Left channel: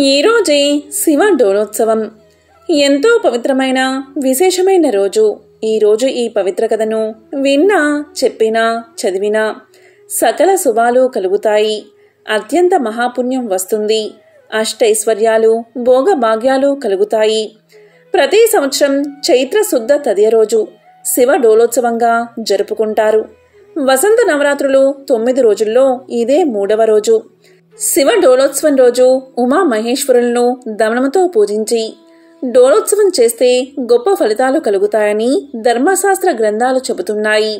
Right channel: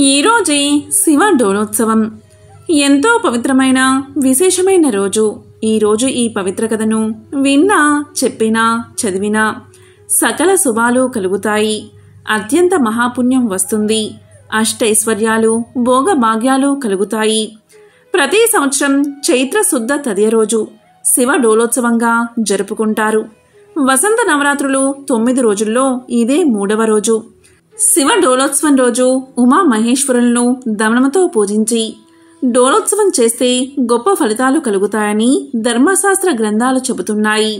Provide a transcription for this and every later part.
ఈరోజే శివ డోలోత్సవం. ఎంతో పవిత్రమైన విశేషమైన రోజు. ఈరోజు ఈ పవిత్ర కథను విన్నా, చెప్పినా, చదివినా సకల శుభాలు కలుగుతాయి. అత్యంత మహాపుణ్యం వస్తుంది. అష్టైశ్వర్యాలు, భోగభాగ్యాలు కలుగుతాయి. ప్రతి సంవత్సరం చైత్ర శుద్ధ తదియ రోజు శివ డోలోత్సవంగా జరుపుకుంటారు. వసంత నవరాత్రులు 9 రోజుల్లో ఇదే 3వ రోజు. శివ డోలోత్సవం రోజు ఉమా మహేశ్వరులను దమనముతో పూజించి డోలోత్సవం చేస్తే గొప్ప ఫలితాలు కలుగుతాయని ధర్మశాస్త్ర గ్రంథాలు చెబుతున్నాయి.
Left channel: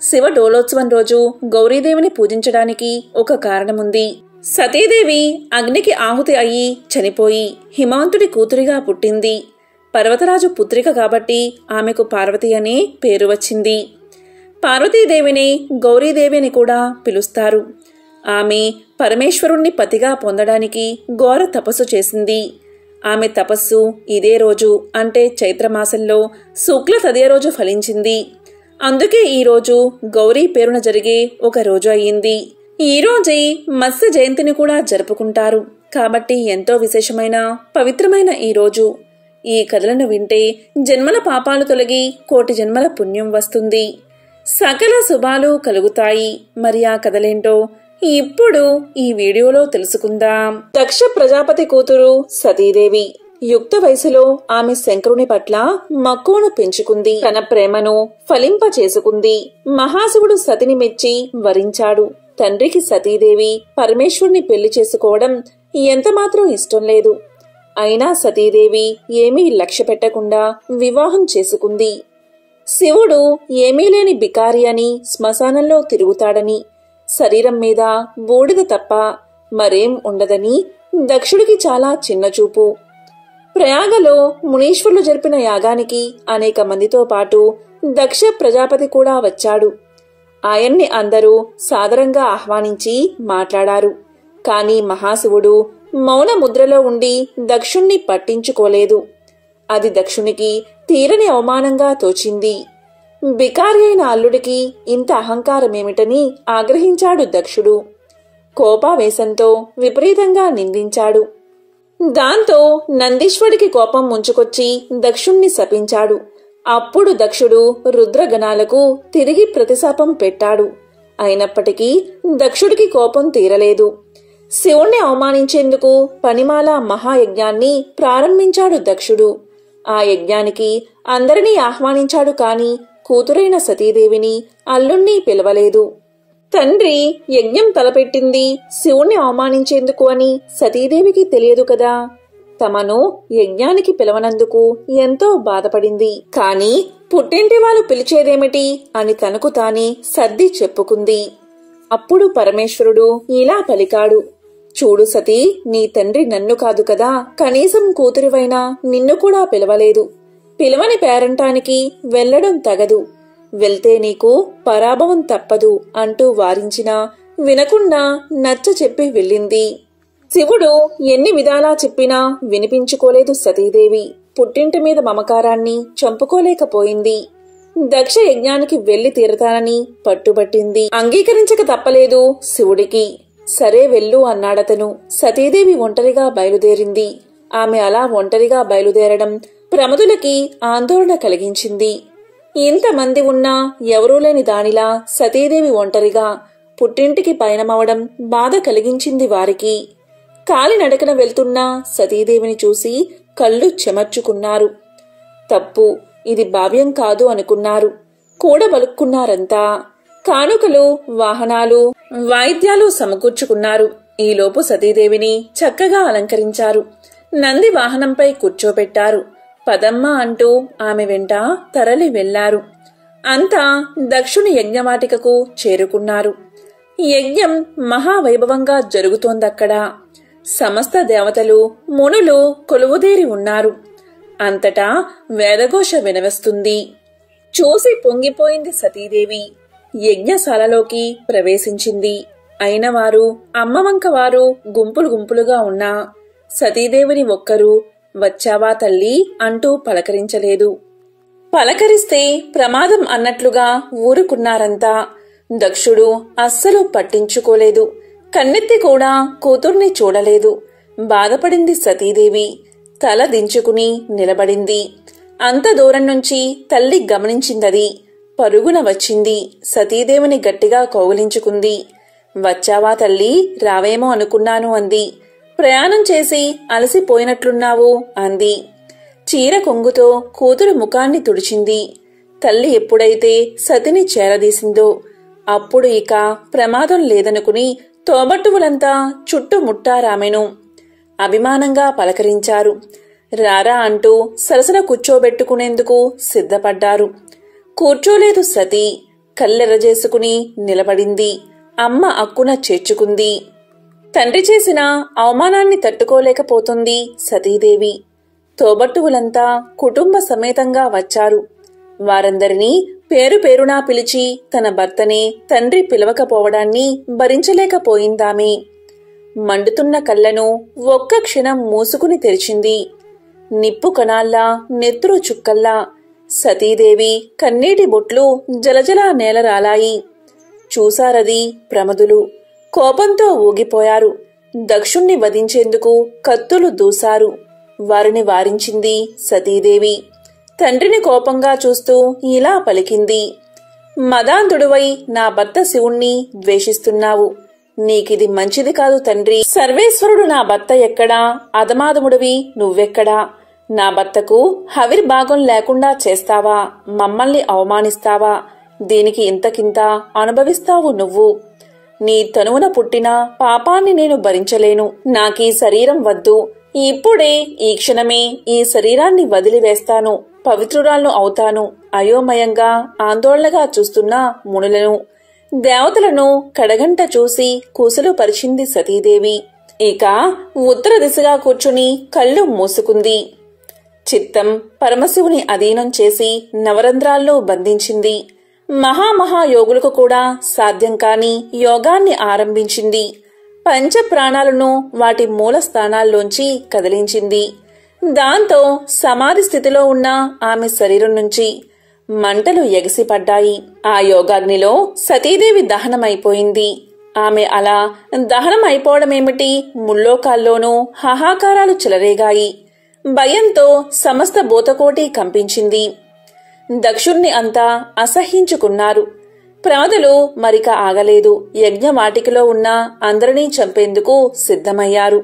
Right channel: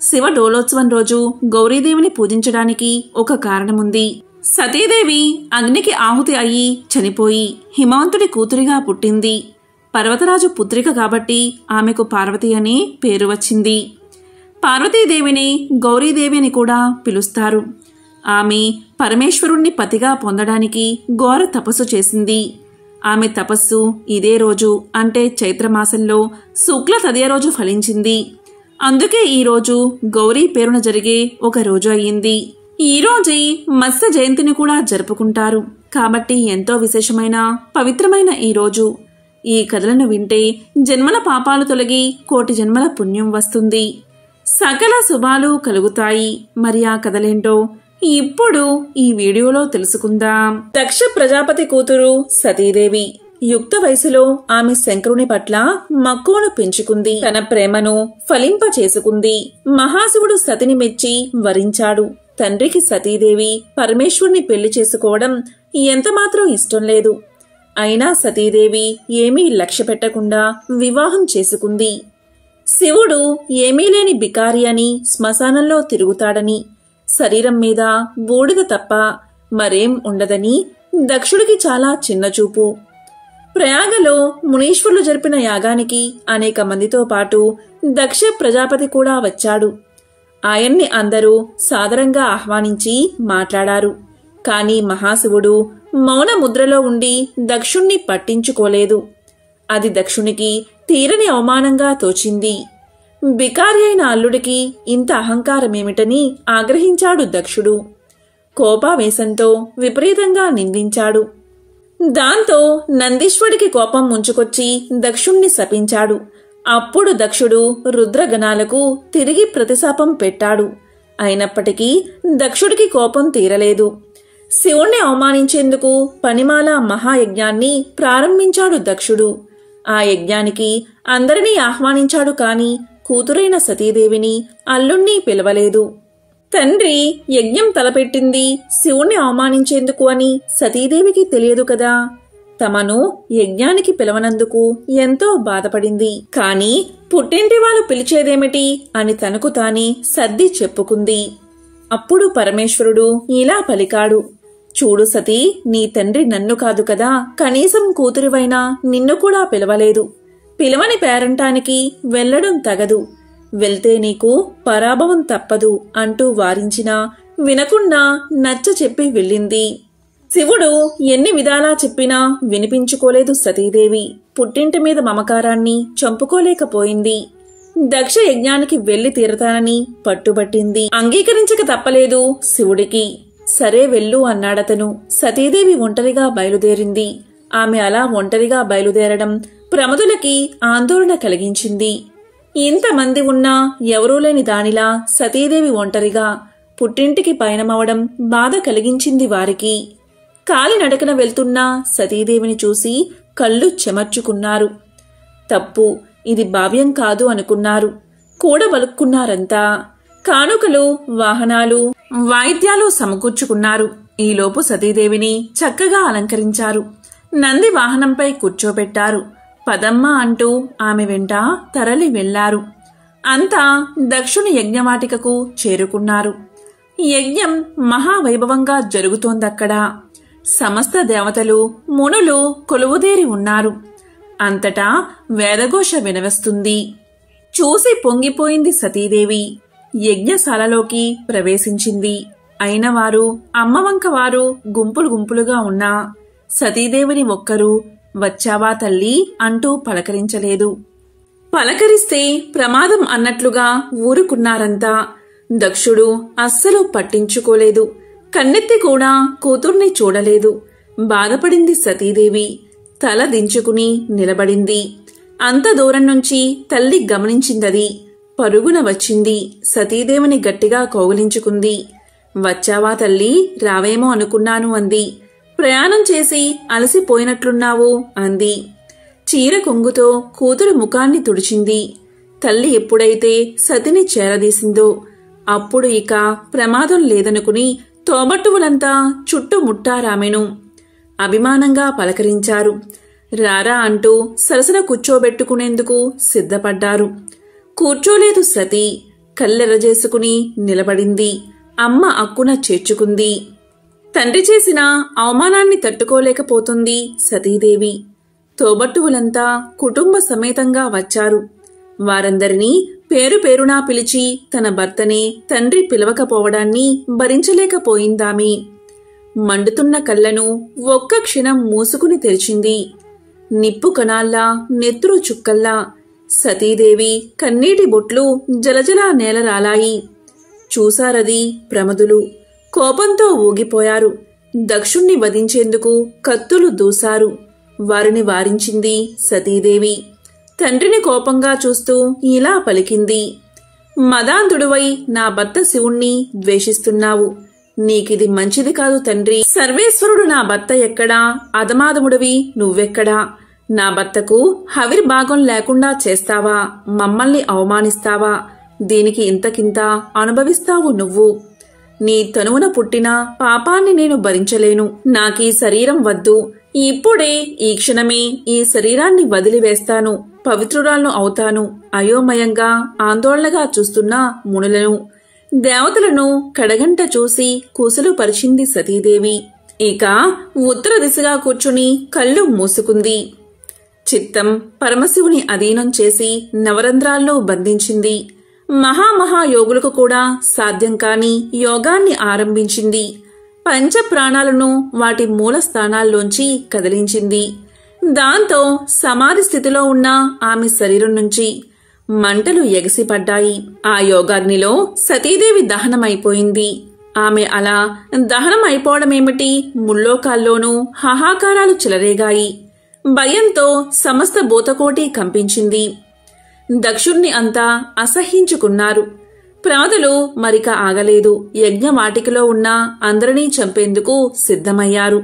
శివ డోలోత్సవం రోజు గౌరీదేవిని పూజించడానికి ఒక కారణముంది. సతీదేవి అగ్నికి ఆహుతి అయ్యి చనిపోయి హిమవంతుడి కూతురిగా పుట్టింది. పర్వతరాజు పుత్రిక కాబట్టి ఆమెకు పార్వతి అనే పేరు వచ్చింది. పార్వతీదేవిని గౌరీదేవి అని కూడా పిలుస్తారు. ఆమె పరమేశ్వరుణ్ణి పతిగా పొందడానికి ఘోర తపస్సు చేసింది. ఆమె తపస్సు ఇదే రోజు అంటే చైత్రమాసంలో శుక్ల తదియ రోజు ఫలించింది. అందుకే ఈరోజు గౌరీ పేరున జరిగే ఒక రోజు అయ్యింది. ఈ రోజే మత్స్య జయంతిని కూడా జరుపుకుంటారు. కాబట్టి ఎంతో విశేషమైన పవిత్రమైన ఈ రోజు. ఈ కథలను వింటే జన్మల పాపాలు తొలగి కోటి జన్మల పుణ్యం వస్తుంది. సకల శుభాలు కలుగుతాయి. మరి ఆ కథలేంటో ఇప్పుడు ఈ వీడియోలో తెలుసుకుందాం. దక్ష ప్రజాపతి కూతురు సతీదేవి యుక్త వయసులో ఆమె శంకరుని పట్ల మక్కువను పెంచుకుంది. తన ప్రేమను ఫలింప చేసుకుంది. మహాశివుడు సతిని మెచ్చి వరించాడు. తండ్రికి సతీదేవి పరమేశ్వరుని పెళ్లి చేసుకోవడం ఎంతమాత్రం ఇష్టం లేదు. అయినా సతీదేవి ఏమీ లక్ష్య పెట్టకుండా వివాహం చేసుకుంది. శివుడు ఏమీ లేని బికారి అని, శ్మశానంలో తిరుగుతాడని, శరీరం మీద బూడిద తప్ప మరేం ఉండదని దక్షుడికి చాలా చిన్నచూపు. ప్రయాగలో మునీశ్వరులు జరిపిన యాగానికి అనేక మందితో పాటు దక్ష ప్రజాపతి కూడా వచ్చాడు. ఆయన్ని అందరూ సాదరంగా ఆహ్వానించి మాట్లాడారు. కాని మహాశివుడు మౌన ముద్రలో ఉండి దక్షుణ్ణి పట్టించుకోలేదు. అది దక్షునికి తీరని అవమానంగా తోచింది. బికారి అయిన అల్లుడికి ఇంత అహంకారమేమిటని ఆగ్రహించాడు దక్షుడు. కోపావేశంతో విపరీతంగా నిందించాడు. దాంతో నందీశ్వరుడికి కోపం ముంచుకొచ్చి దక్షుణ్ణి శపించాడు. అప్పుడు దక్షుడు రుద్రగణాలకు తిరిగి ప్రతిశాపం పెట్టాడు. అయినప్పటికీ దక్షుడికి కోపం తీరలేదు. శివుణ్ణి అవమానించేందుకు పనిమాల మహాయజ్ఞాన్ని ప్రారంభించాడు దక్షుడు. ఆ యజ్ఞానికి అందరినీ ఆహ్వానించాడు. కాని కూతురైన సతీదేవిని, అల్లుణ్ణి పిలవలేదు. తండ్రి యజ్ఞం తలపెట్టింది శివుణ్ణి అవమానించేందుకు అని సతీదేవికి తెలియదు కదా. తమను యజ్ఞానికి పిలవనందుకు ఎంతో బాధపడింది. కాని పుట్టింటి వాళ్ళు పిలిచేదేమిటి అని తనకు తానే సర్ది చెప్పుకుంది. అప్పుడు పరమేశ్వరుడు ఇలా పలికాడు. చూడు సతీ, నీ తండ్రి నన్ను కాదు కదా, కనీసం కూతురివైనా నిన్ను కూడా పిలవలేదు. పిలవని పేరంటానికి వెళ్లడం తగదు. వెళ్తే నీకు పరాభవం తప్పదు అంటూ వారించినా వినకుండా నచ్చ చెప్పి వెళ్ళింది. శివుడు ఎన్ని విధాలా చెప్పినా వినిపించుకోలేదు సతీదేవి. పుట్టింటి మీద మమకారాన్ని చంపుకోలేకపోయింది. దక్ష యజ్ఞానికి వెళ్లి తీరతానని పట్టుబట్టింది. అంగీకరించక తప్పలేదు శివుడికి. సరే వెళ్ళు అన్నాడతను. సతీదేవి ఒంటరిగా బయలుదేరింది. ఆమె అలా ఒంటరిగా బయలుదేరడం ప్రమదులకి ఆందోళన కలిగించింది. ఇంతమంది ఉన్నా ఎవరూ లేని దానిలా సతీదేవి ఒంటరిగా పుట్టింటికి పయనమవడం బాధ కలిగించింది వారికి. కాలినడకన వెళ్తున్న సతీదేవిని చూసి కళ్ళు చెమర్చుకున్నారు. తప్పు, ఇది భావ్యం కాదు అనుకున్నారు. కూడబలుక్కున్నారంతా. కానుకలు, వాహనాలు, వాయిద్యాలు సమకూర్చుకున్నారు. ఈలోపు సతీదేవిని చక్కగా అలంకరించారు. నంది వాహనంపై కూర్చోబెట్టారు. పదమ్మ అంటూ ఆమె వెంట తరలి వెళ్లారు. అంతా దక్షుని యజ్ఞవాటికకు చేరుకున్నారు. యజ్ఞం మహావైభవంగా జరుగుతోందక్కడ. సమస్త దేవతలు, మునులు కొలువుదేరి ఉన్నారు. అంతటా వేదఘోష వినవస్తుంది. చూసి పొంగిపోయింది సతీదేవి. యజ్ఞశాలలోకి ప్రవేశించింది. అయినవారు, అమ్మవంకవారు గుంపులు గుంపులుగా ఉన్నా సతీదేవిని ఒక్కరూ వచ్చావా తల్లి అంటూ పలకరించలేదు. పలకరిస్తే ప్రమాదం అన్నట్లుగా ఊరుకున్నారంతా. దక్షుడు అస్సలు పట్టించుకోలేదు. కన్నెత్తి కూడా కూతుర్ని చూడలేదు. బాధపడింది సతీదేవి. తల దించుకుని నిలబడింది. అంత దూరం నుంచి తల్లి గమనించిందది. పరుగున వచ్చింది. సతీదేవిని గట్టిగా కౌగిలించుకుంది. వచ్చావా తల్లి, రావేమో అనుకున్నాను అంది. ప్రయాణం చేసి అలసిపోయినట్లున్నావు అంది. చీర కొంగుతో కూతురు ముఖాన్ని తుడిచింది. తల్లి ఎప్పుడైతే సతిని చేరదీసిందో అప్పుడు ఇక ప్రమాదం లేదనుకుని తోబట్టువులంతా చుట్టుముట్టారామెను. అభిమానంగా పలకరించారు. రారా అంటూ సరసన కూర్చోబెట్టుకునేందుకు సిద్ధపడ్డారు. కూర్చోలేదు సతీ. కళ్ళెరజేసుకుని నిలబడింది. అమ్మ అక్కున చేర్చుకుంది. తండ్రి చేసిన అవమానాన్ని తట్టుకోలేకపోతుంది సతీదేవి. తోబట్టువులంతా కుటుంబ సమేతంగా వచ్చారు. వారందరినీ పేరు పేరునా పిలిచి తన భర్తనే తండ్రి పిలవకపోవడాన్ని భరించలేకపోయిందామె. మండుతున్న కళ్ళను ఒక్క క్షణం మూసుకుని తెరిచింది. నిప్పు కణాల్లా, నెత్తురు చుక్కల్లా సతీదేవి కన్నీటి బొట్లు జలజలా నేలరాలాయి. చూశారది ప్రమదులు. కోపంతో ఊగిపోయారు. దక్షుణ్ణి వధించేందుకు కత్తులు దూశారు. వారిని వారించింది సతీదేవి. తండ్రిని కోపంగా చూస్తూ ఇలా పలికింది. మదాంధుడువై నా భర్త శివుణ్ణి ద్వేషిస్తున్నావు. నీకిది మంచిది కాదు తండ్రి. సర్వేశ్వరుడు నా భర్త ఎక్కడా, అధమాధముడివి నువ్వెక్కడా? నా భర్తకు హవిర్భాగం లేకుండా చేస్తావా? మమ్మల్ని అవమానిస్తావా? దీనికి ఇంతకింత అనుభవిస్తావు నువ్వు. నీ తనువున పుట్టిన పాపాన్ని నేను భరించలేను. నాకీ శరీరం వద్దు. ఇప్పుడే ఈ క్షణమే ఈ శరీరాన్ని వదిలివేస్తాను. పవిత్రురాలను అవుతాను. అయోమయంగా ఆందోళనగా చూస్తున్న మునులను, దేవతలను కడగంట చూసి కూసలు పరిచింది సతీదేవి. ఇక ఉత్తర దిశగా కూర్చుని కళ్ళు మూసుకుంది. చిత్తం పరమశివుని అధీనం చేసి నవరంధ్రాల్లో బంధించింది. మహామహాయోగులకు కూడా సాధ్యం కాని యోగాన్ని ఆరంభించింది. పంచ ప్రాణాలను వాటి మూల స్థానాల్లోంచి కదిలించింది. దాంతో సమాధి స్థితిలో ఉన్న ఆమె శరీరం నుంచి మంటలు ఎగసిపడ్డాయి. ఆ యోగాగ్నిలో సతీదేవి దహనమైపోయింది. ఆమె అలా దహనమైపోవడమేమిటి, ముల్లోకాల్లోనూ హాహాకారాలు చెలరేగాయి. భయంతో సమస్త భూతకోటి కంపించింది. దక్షుణ్ణి అంతా అసహ్యించుకున్నారు. ప్రమదులు మరిక ఆగలేదు. యజ్ఞవాటికలో ఉన్న అందరినీ చంపేందుకు సిద్ధమయ్యారు.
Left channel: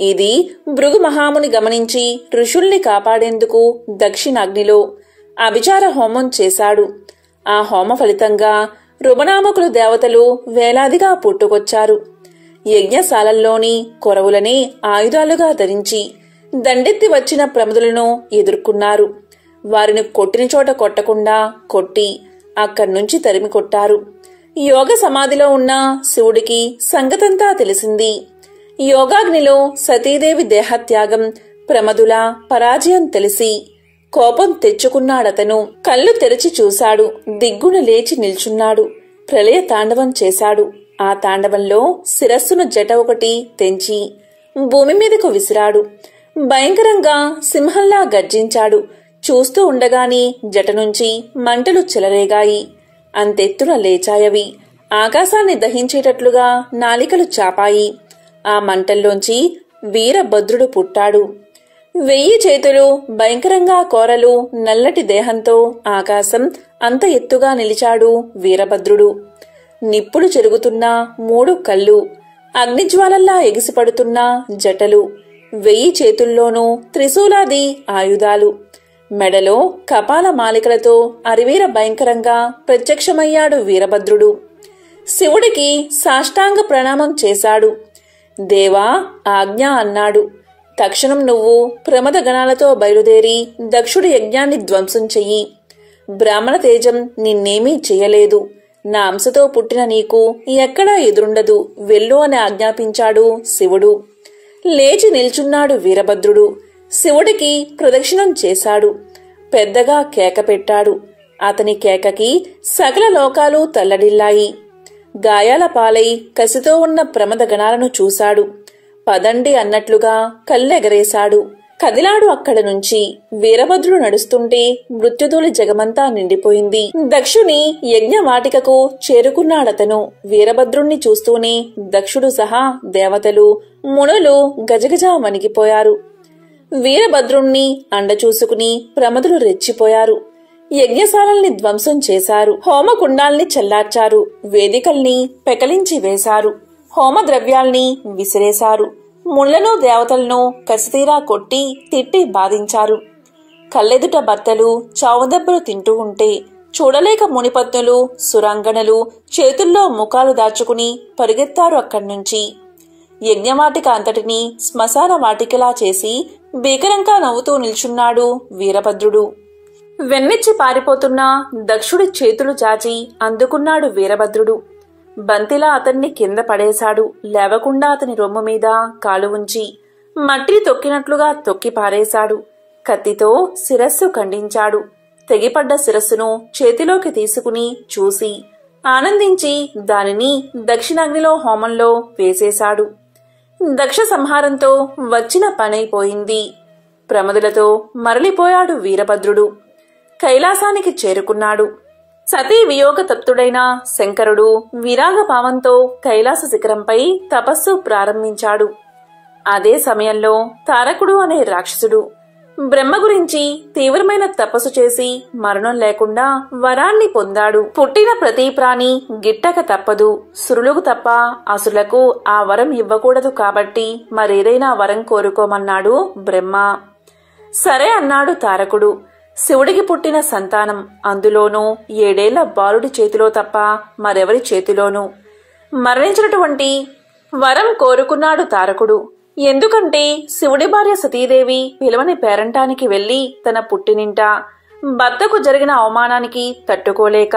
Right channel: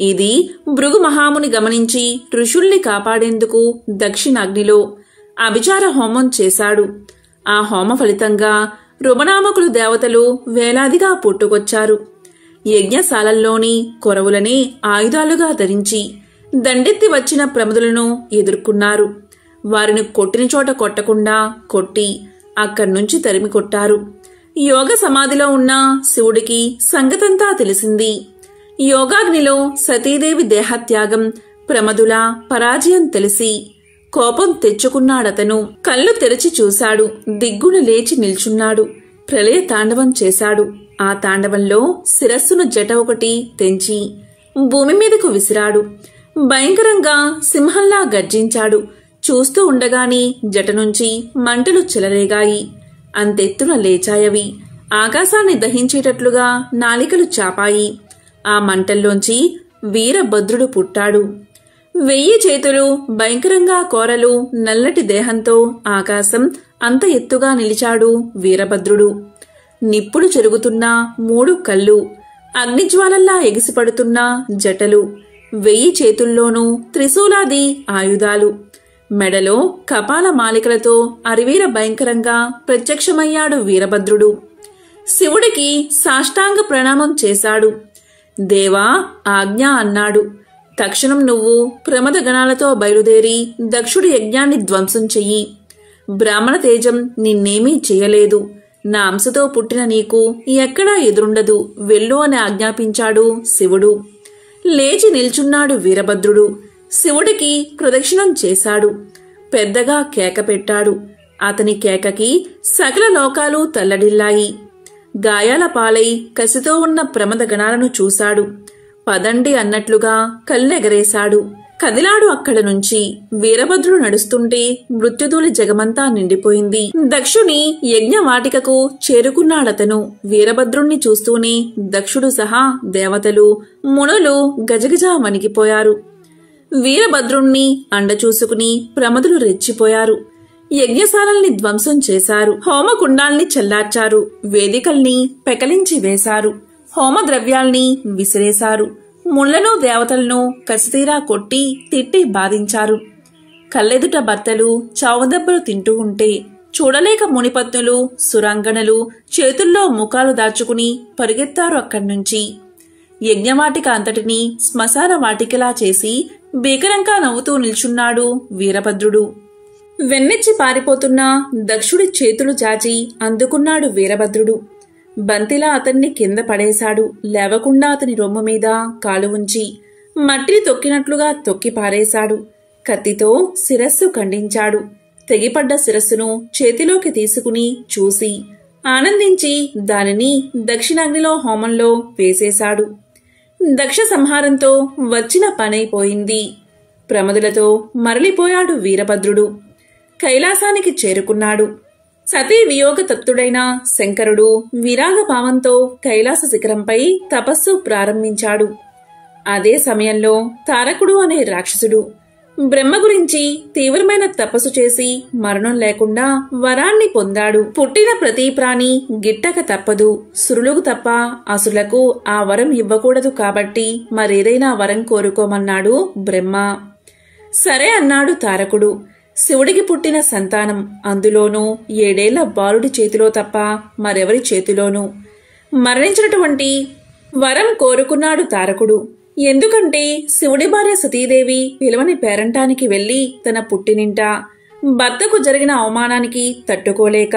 ఇది భృగు మహాముని గమనించి ఋషుల్ని కాపాడేందుకు దక్షిణాగ్నిలో అభిచార హోమం చేశాడు. ఆ హోమ ఫలితంగా రుమనామకులు దేవతలు వేలాదిగా పుట్టుకొచ్చారు. యజ్ఞశాలల్లోని కొరవులనే ఆయుధాలుగా ధరించి దండెత్తి వచ్చిన ప్రమదులను ఎదుర్కొన్నారు. వారిని కొట్టిన చోట కొట్టకుండా కొట్టి అక్కడ్నుంచి తరిమి కొట్టారు. యోగ సమాధిలో ఉన్న శివుడికి సంగతంతా తెలిసింది. యోగాగ్నిలో సతీదేవి దేహత్యాగం, ప్రమదుల పరాజయం తెలిసి కోపం తెచ్చుకున్నాడతను. కళ్ళు తెరిచి చూశాడు. దిగ్గున లేచి నిల్చున్నాడు. ప్రళయ తాండవం చేశాడు. ఆ తాండవంలో శిరస్సును జట ఒకటి తెంచి భూమి మీదకు విసిరాడు. భయంకరంగా సింహంలా గర్జించాడు. చూస్తూ ఉండగానే జట నుంచి మంటలు చెలరేగాయి. అంతెత్తున లేచాయవి. ఆకాశాన్ని దహించేటట్లుగా నాలికలు చాపాయి. ఆ మంటల్లోంచి వీరభద్రుడు పుట్టాడు. 1000 చేతులు, భయంకరంగా కోరలు, నల్లటి దేహంతో ఆకాశం అంత ఎత్తుగా నిలిచాడు వీరభద్రుడు. నిప్పులు చెరుగుతున్న 3 కళ్ళు, అగ్నిజ్వాలల్లా ఎగిసిపడుతున్న జటలు, 1000 చేతుల్లోనూ త్రిశూలాది ఆయుధాలు, మెడలో కపాల మాలికలతో అరివీర భయంకరంగా ప్రత్యక్షమయ్యాడు వీరభద్రుడు. శివుడికి సాష్టాంగ ప్రణామం చేశాడు. దేవా, ఆజ్ఞ అన్నాడు. తక్షణం నువ్వు ప్రమద గణాలతో బయలుదేరి దక్షుడి యజ్ఞాన్ని ధ్వంసం చెయ్యి. బ్రాహ్మణ తేజం నిన్నేమీ చెయ్యలేదు. నా అంశతో పుట్టిన నీకు ఎక్కడా ఎదురుండదు. వెళ్ళు అని ఆజ్ఞాపించాడు శివుడు. లేచి నిల్చున్నాడు వీరభద్రుడు. శివుడికి ప్రదక్షిణం చేశాడు. పెద్దగా కేక పెట్టాడు. అతని కేకకి సకల లోకాలు తల్లడిల్లాయి. గాయాల పాలై కసితో ఉన్న ప్రమద గణాలను చూశాడు. పదండి అన్నట్లుగా కళ్ళెగరేశాడు. కదిలాడు అక్కడ నుంచి. వీరభద్రుడు నడుస్తుంటే మృత్యుధూళి జగమంతా నిండిపోయింది. దక్షుని యజ్ఞవాటికకు చేరుకున్నాడతను. వీరభద్రుణ్ణి చూస్తూనే దక్షుడు సహా దేవతలు, మునులు గజగజ వణికిపోయారు. వీరభద్రుణ్ణి అండ చూసుకుని ప్రమదులు రెచ్చిపోయారు. యజ్ఞశాలల్ని ధ్వంసం చేశారు. హోమకుండాల్ని చల్లార్చారు. వేదికల్ని పెకలించి వేశారు. హోమద్రవ్యాల్ని విసిరేశారు. ముళ్లను దేవతలను కసితీరా కొట్టి తిట్టి బాధించారు. కళ్ళెదుట భర్తలు చావుదెబ్బలు తింటూ ఉంటే చూడలేక మునిపత్నులు సురాంగణలు చేతుల్లో ముఖాలు దాచుకుని పరిగెత్తారు అక్కడ్నుంచి. యజ్ఞవాటిక అంతటినీ శ్మశాన వాటికలా చేసి భీకరంగా నవ్వుతూ నిల్చున్నాడు వీరభద్రుడు. వెన్నెచ్చి పారిపోతున్న దక్షుడి చేతులు చాచి అందుకున్నాడు వీరభద్రుడు. బంతిలా అతన్ని కింద పడేశాడు. లేవకుండా అతని రొమ్ము మీద కాలు ఉంచి మట్టిని తొక్కినట్లుగా తొక్కి పారేశాడు. కత్తితో శిరస్సు ఖండించాడు. తెగిపడ్డ శిరస్సును చేతిలోకి తీసుకుని చూసి ఆనందించి దానిని దక్షిణాగ్నిలో హోమంలో వేసేశాడు. దక్ష సంహారంతో వచ్చిన పనైపోయింది. ప్రమదులతో మరలిపోయాడు వీరభద్రుడు. కైలాసానికి చేరుకున్నాడు. సతీ వియోగ తప్తుడైన శంకరుడు విరాగభావంతో కైలాస శిఖరంపై తపస్సు ప్రారంభించాడు. అదే సమయంలో తారకుడు అనే రాక్షసుడు బ్రహ్మ గురించి తీవ్రమైన తపస్సు చేసి మరణం లేకుండా వరాన్ని పొందాడు. పుట్టిన ప్రతి ప్రాణి గిట్టక తప్పదు. సురులకు తప్ప అసురులకు ఆ వరం ఇవ్వకూడదు కాబట్టి మరేదైనా వరం కోరుకోమన్నాడు బ్రహ్మ. సరే అన్నాడు తారకుడు. శివుడికి పుట్టిన సంతానం, అందులోనూ 7 ఏళ్ల బాలుడి చేతిలో తప్ప మరెవరి చేతిలోనూ మరణించినటువంటి వరం కోరుకున్నాడు తారకుడు. ఎందుకంటే శివుడి భార్య సతీదేవి పిలవని పేరంటానికి వెళ్లి తన పుట్టినింట భర్తకు జరిగిన అవమానానికి తట్టుకోలేక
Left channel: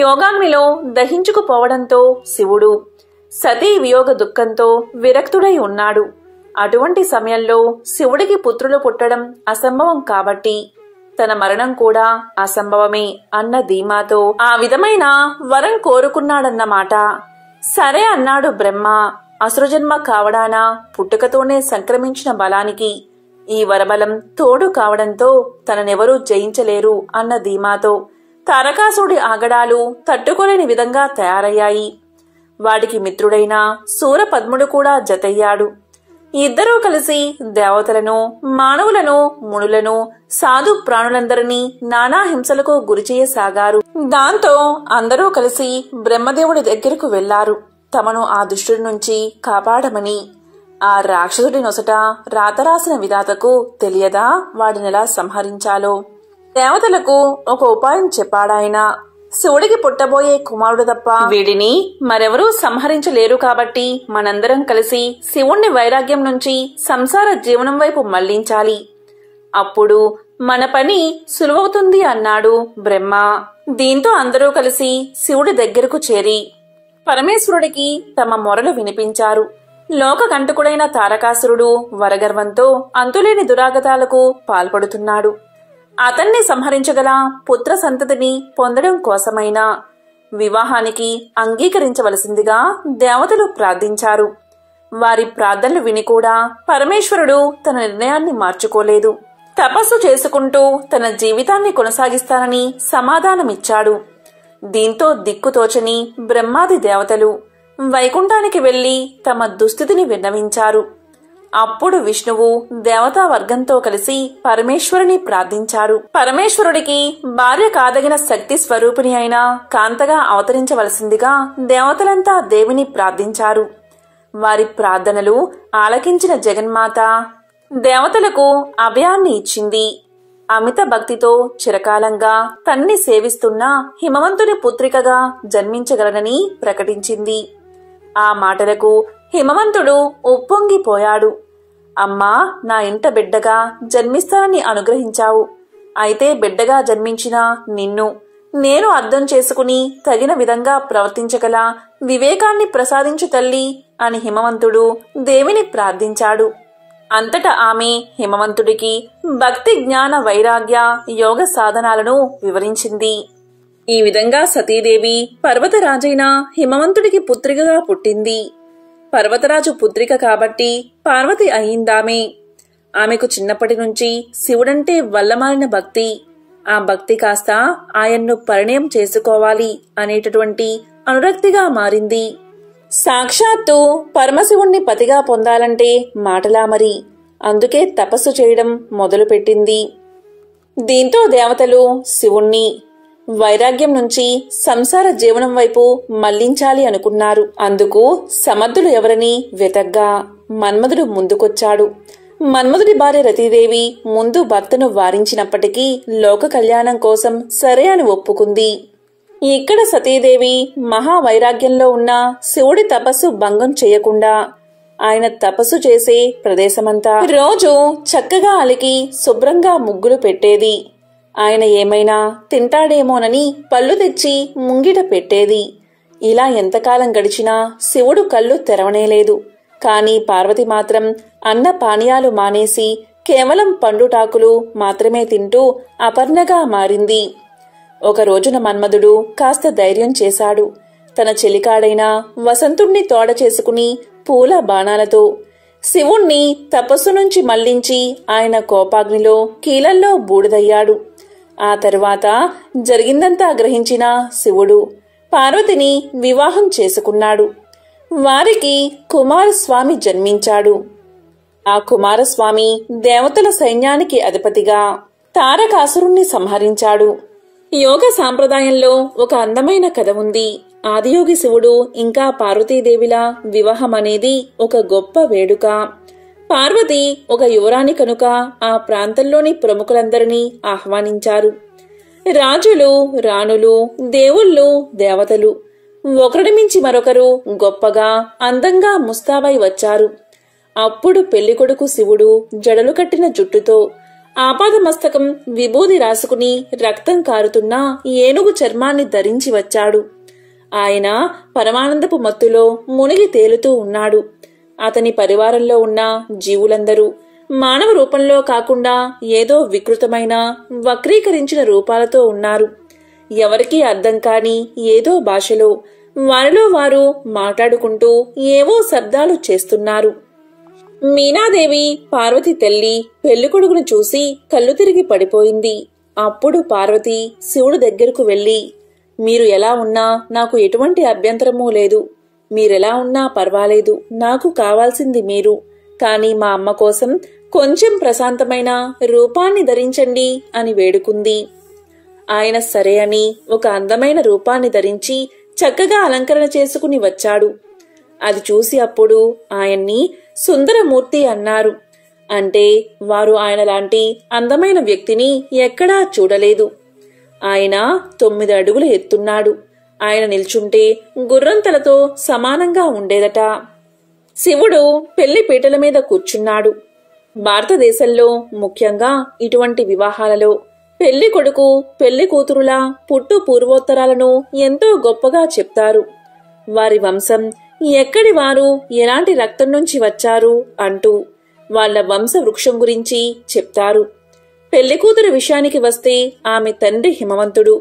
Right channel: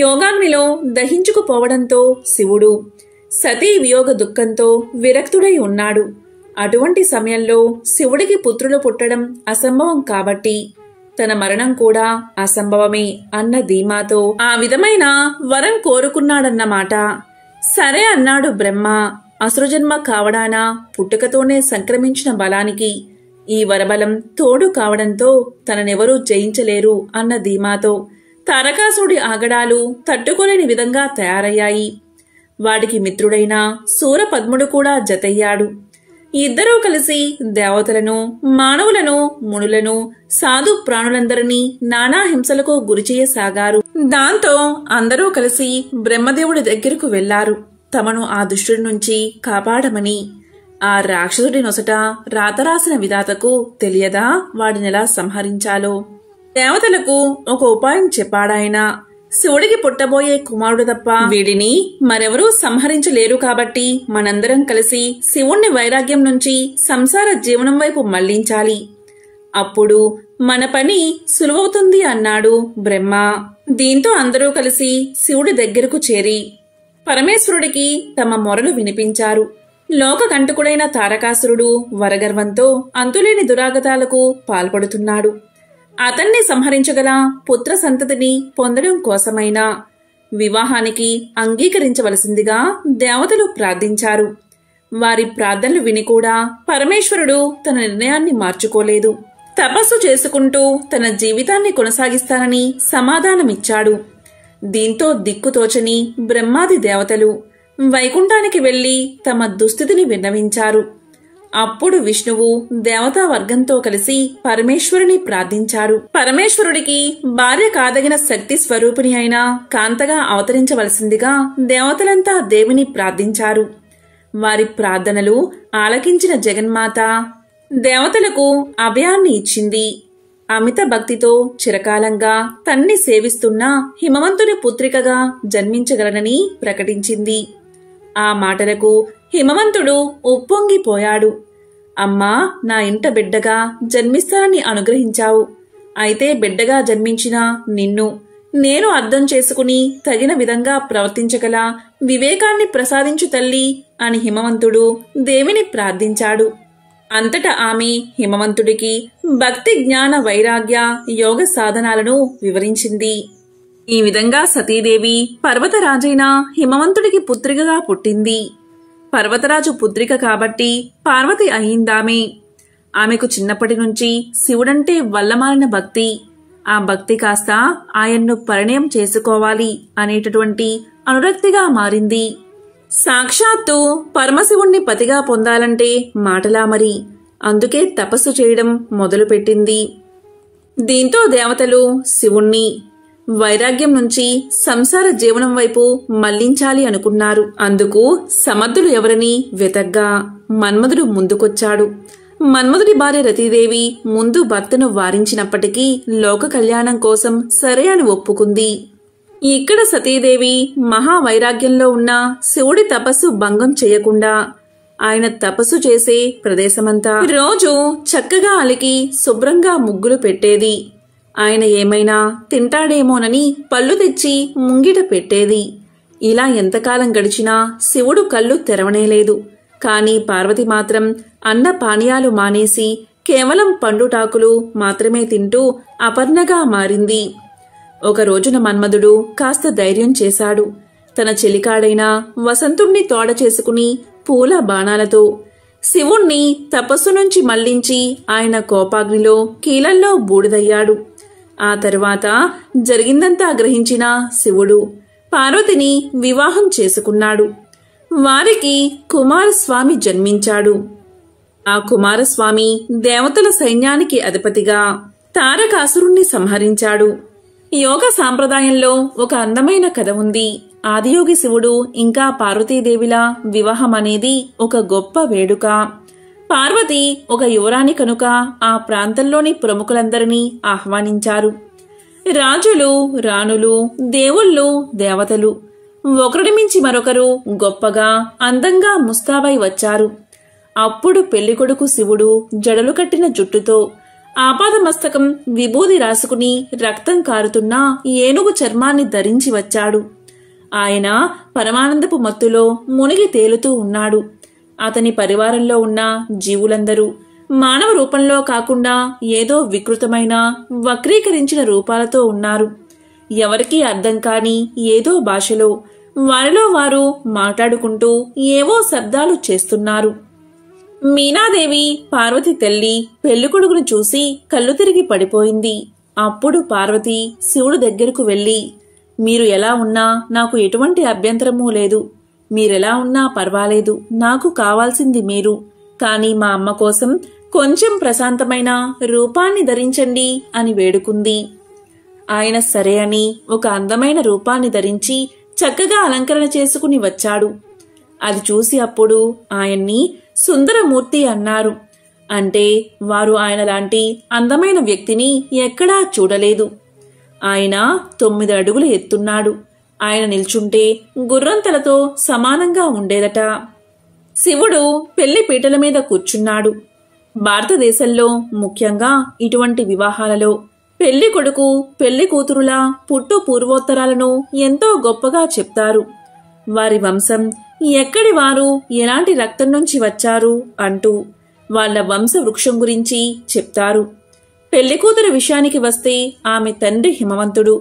యోగాగ్నిలో దహించుకుపోవడంతో శివుడు సతీ వియోగ దుఃఖంతో విరక్తుడై ఉన్నాడు. అటువంటి సమయంలో శివుడికి పుత్రులు పుట్టడం అసంభవం కాబట్టి తన మరణం కూడా అసంభవమే అన్న ధీమాతో ఆ విధమైన వరం కోరుకున్నాడన్నమాట. సరే అన్నాడు బ్రహ్మ. అసురజన్మ కావడాన పుట్టుకతోనే సంక్రమించిన బలానికి ఈ వరబలం తోడు కావడంతో తననెవరూ జయించలేరు అన్న ధీమాతో తారకాసుడి ఆగడాలు తట్టుకోలేని విధంగా తయారయ్యాయి. వాడికి మిత్రుడైన సూరపద్ముడు కూడా జతయ్యాడు. ఇద్దరూ కలిసి దేవతలను, మానవులను, మునులను, సాధు ప్రాణులందరినీ నానా హింసలకు గురిచేయసాగారు. దాంతో అందరూ కలిసి బ్రహ్మదేవుడి దగ్గరకు వెళ్లారు, తమను ఆ దుష్టుడి నుంచి కాపాడమని. ఆ రాక్షసుడి నొసట రాతరాసిన విధాతకు తెలియదా వాడినెలా సంహరించాలో? దేవతలకు ఒక ఉపాయం చెప్పాడాయన. శివుడికి పుట్టబోయే కుమారుడు తప్ప వీడిని మరెవరూ సంహరించలేరు కాబట్టి మనందరం కలిసి శివుణ్ణి వైరాగ్యం నుంచి సంసార జీవనం వైపు మళ్లించాలి. అప్పుడు మన పని సులువవుతుంది అన్నాడు బ్రహ్మ. దీంతో అందరూ కలిసి శివుడి దగ్గరకు చేరి పరమేశ్వరుడికి తమ మొరలు వినిపించారు. లోకకంటకుడైన తారకాసురుడు వరగర్వంతో అంతులేని దురాగతాలకు పాల్పడుతున్నాడు. అతన్ని సంహరించగల పుత్ర సంతతిని పొందడం కోసమైనా వివాహానికి అంగీకరించవలసిందిగా దేవతలు ప్రార్థించారు. వారి ప్రార్థనలు విని కూడా పరమేశ్వరుడు తన నిర్ణయాన్ని మార్చుకోలేదు. తపస్సు చేసుకుంటూ తన జీవితాన్ని కొనసాగిస్తానని సమాధానమిచ్చాడు. దీంతో దిక్కుతోచని బ్రహ్మాది దేవతలు వైకుంఠానికి వెళ్లి తమ దుస్థితిని విన్నవించారు. అప్పుడు విష్ణువు దేవతా వర్గంతో కలిసి పరమేశ్వరుని ప్రార్థించారు. పరమేశ్వరుడికి భార్య కాదగిన శక్తి స్వరూపిణి అయిన కాంతగా అవతరించవలసిందిగా దేవతలంతా దేవిని ప్రార్థించారు. వారి ప్రార్థనలు ఆలకించిన జగన్మాత దేవతలకు అభయాన్ని ఇచ్చింది. అమిత భక్తితో చిరకాలంగా తన్ని సేవిస్తున్న హిమవంతుని పుత్రికగా జన్మించగలనని ప్రకటించింది. ఆ మాటలకు హిమవంతుడు ఉప్పొంగిపోయాడు. అమ్మా, నా ఇంట బిడ్డగా జన్మిస్తానని అనుగ్రహించావు. అయితే బిడ్డగా జన్మించిన నిన్ను నేను అర్థం చేసుకుని తగిన విధంగా ప్రవర్తించగల వివేకాన్ని ప్రసాదించు తల్లి అని హిమవంతుడు దేవిని ప్రార్థించాడు. అంతటా ఆమె హిమవంతుడికి భక్తి, జ్ఞాన, వైరాగ్య, యోగ సాధనాలను వివరించింది. ఈ విధంగా సతీదేవి పర్వతరాజైన హిమవంతుడికి పుత్రికగా పుట్టింది. పర్వతరాజు పుత్రిక కాబట్టి పార్వతి అయిందామె. ఆమెకు చిన్నప్పటి నుంచి శివుడంటే వల్లమాలిన భక్తి. ఆ భక్తి కాస్త ఆయన్ను పరిణయం చేసుకోవాలి అనేటటువంటి అనురక్తిగా మారింది. సాక్షాత్తు పరమశివుణ్ణి పతిగా పొందాలంటే మాటలా మరి. అందుకే తపస్సు చేయడం మొదలుపెట్టింది. దీంతో దేవతలు శివుణ్ణి వైరాగ్యం నుంచి సంసార జీవనం వైపు మళ్లించాలి అనుకున్నారు. అందుకు సమర్థులు ఎవరని వెతగ్గా మన్మధుడు ముందుకొచ్చాడు. మన్మధుడి భార్య రతీదేవి ముందు భర్తను వారించినప్పటికీ లోక కళ్యాణం కోసం సరే అని ఒప్పుకుంది. ఇక్కడ సతీదేవి మహావైరాగ్యంలో ఉన్న శివుడి తపస్సు భంగం చేయకుండా ఆయన తపస్సు చేసే ప్రదేశమంతా రోజు చక్కగా అలికి శుభ్రంగా ముగ్గులు పెట్టేది. ఆయన ఏమైనా తింటాడేమోనని పళ్ళు తెచ్చి ముంగిట పెట్టేది. ఇలా ఎంతకాలం గడిచినా శివుడు కళ్ళు తెరవనేలేదు. కాని పార్వతి మాత్రం అన్న పానీయాలు మానేసి కేవలం పండుటాకులు మాత్రమే తింటూ అపర్ణగా మారింది. ఒక రోజున మన్మధుడు కాస్త ధైర్యం చేశాడు. తన చెలికాడైన వసంతుణ్ణి తోడ చేసుకుని పూల బాణాలతో శివుణ్ణి తపస్సు నుంచి మళ్లించి ఆయన కోపాగ్నిలో కీలల్లో బూడిదయ్యాడు. ఆ తరువాత జరిగిందంతా గ్రహించిన శివుడు పార్వతిని వివాహం చేసుకున్నాడు. వారికి కుమారస్వామి జన్మించాడు. ఆ కుమారస్వామి దేవతల సైన్యానికి అధిపతిగా తారకాసురుణ్ణి సంహరించాడు. యోగ సాంప్రదాయంలో ఒక అందమైన కథ ఉంది. ఆదియోగి శివుడు ఇంకా పార్వతీదేవిల వివాహం అనేది ఒక గొప్ప వేడుక. పార్వతి ఒక యువరాణి కనుక ఆ ప్రాంతంలోని ప్రముఖులందరినీ ఆహ్వానించారు. రాజులు, రాణులు, దేవుళ్ళు, దేవతలు ఒకరిని మించి మరొకరు గొప్పగా అందంగా ముస్తాబై వచ్చారు. అప్పుడు పెళ్లికొడుకు శివుడు జడలు కట్టిన జుట్టుతో ఆపాదమస్తకం విభూది రాసుకుని రక్తం కారుతున్న ఏనుగు చర్మాన్ని ధరించి వచ్చాడు. ఆయన పరమానందపు మత్తులో మునిగి తేలుతూ ఉన్నాడు. అతని పరివారంలో ఉన్న జీవులందరూ మానవ రూపంలో కాకుండా ఏదో వికృతమైన వక్రీకరించిన రూపాలతో ఉన్నారు. ఎవరికీ అర్థం కాని ఏదో భాషలో వారిలో వారు మాట్లాడుకుంటూ ఏవో శబ్దాలు చేస్తున్నారు. మీనాదేవి పార్వతి తల్లి పెళ్లికొడుకును చూసి కళ్ళు తిరిగి పడిపోయింది. అప్పుడు పార్వతి శివుడు దగ్గరకు వెళ్లి, మీరు ఎలా ఉన్నా నాకు ఎటువంటి అభ్యంతరమూ లేదు. మీరెలా ఉన్నా పర్వాలేదు. నాకు కావాల్సింది మీరు. కాని మా అమ్మ కోసం కొంచెం ప్రశాంతమైన రూపాన్ని ధరించండి అని వేడుకుంది. ఆయన సరే అని ఒక అందమైన రూపాన్ని ధరించి చక్కగా అలంకరణ చేసుకుని వచ్చాడు. అది చూసి అప్పుడు ఆయన్ని సుందరమూర్తి అన్నారు. అంటే వారు ఆయన లాంటి అందమైన వ్యక్తిని ఎక్కడా చూడలేదు. ఆయన 9 అడుగులు ఎత్తున్నాడు. ఆయన నిల్చుంటే గుర్రంతలతో సమానంగా ఉండేదట. శివుడు పెళ్లి పీటల మీద కూర్చున్నాడు. భారతదేశంలో ముఖ్యంగా ఇటువంటి వివాహాలలో పెళ్లి కొడుకు పెళ్లి కూతురుల పుట్టు పూర్వోత్తరాలను ఎంతో గొప్పగా చెప్తారు. వారి వంశం ఎక్కడి వారు, ఎలాంటి రక్తం నుంచి వచ్చారు అంటూ వాళ్ల వంశ వృక్షం గురించి చెప్తారు. పెళ్లికూతురు విషయానికి వస్తే ఆమె తండ్రి హిమవంతుడు,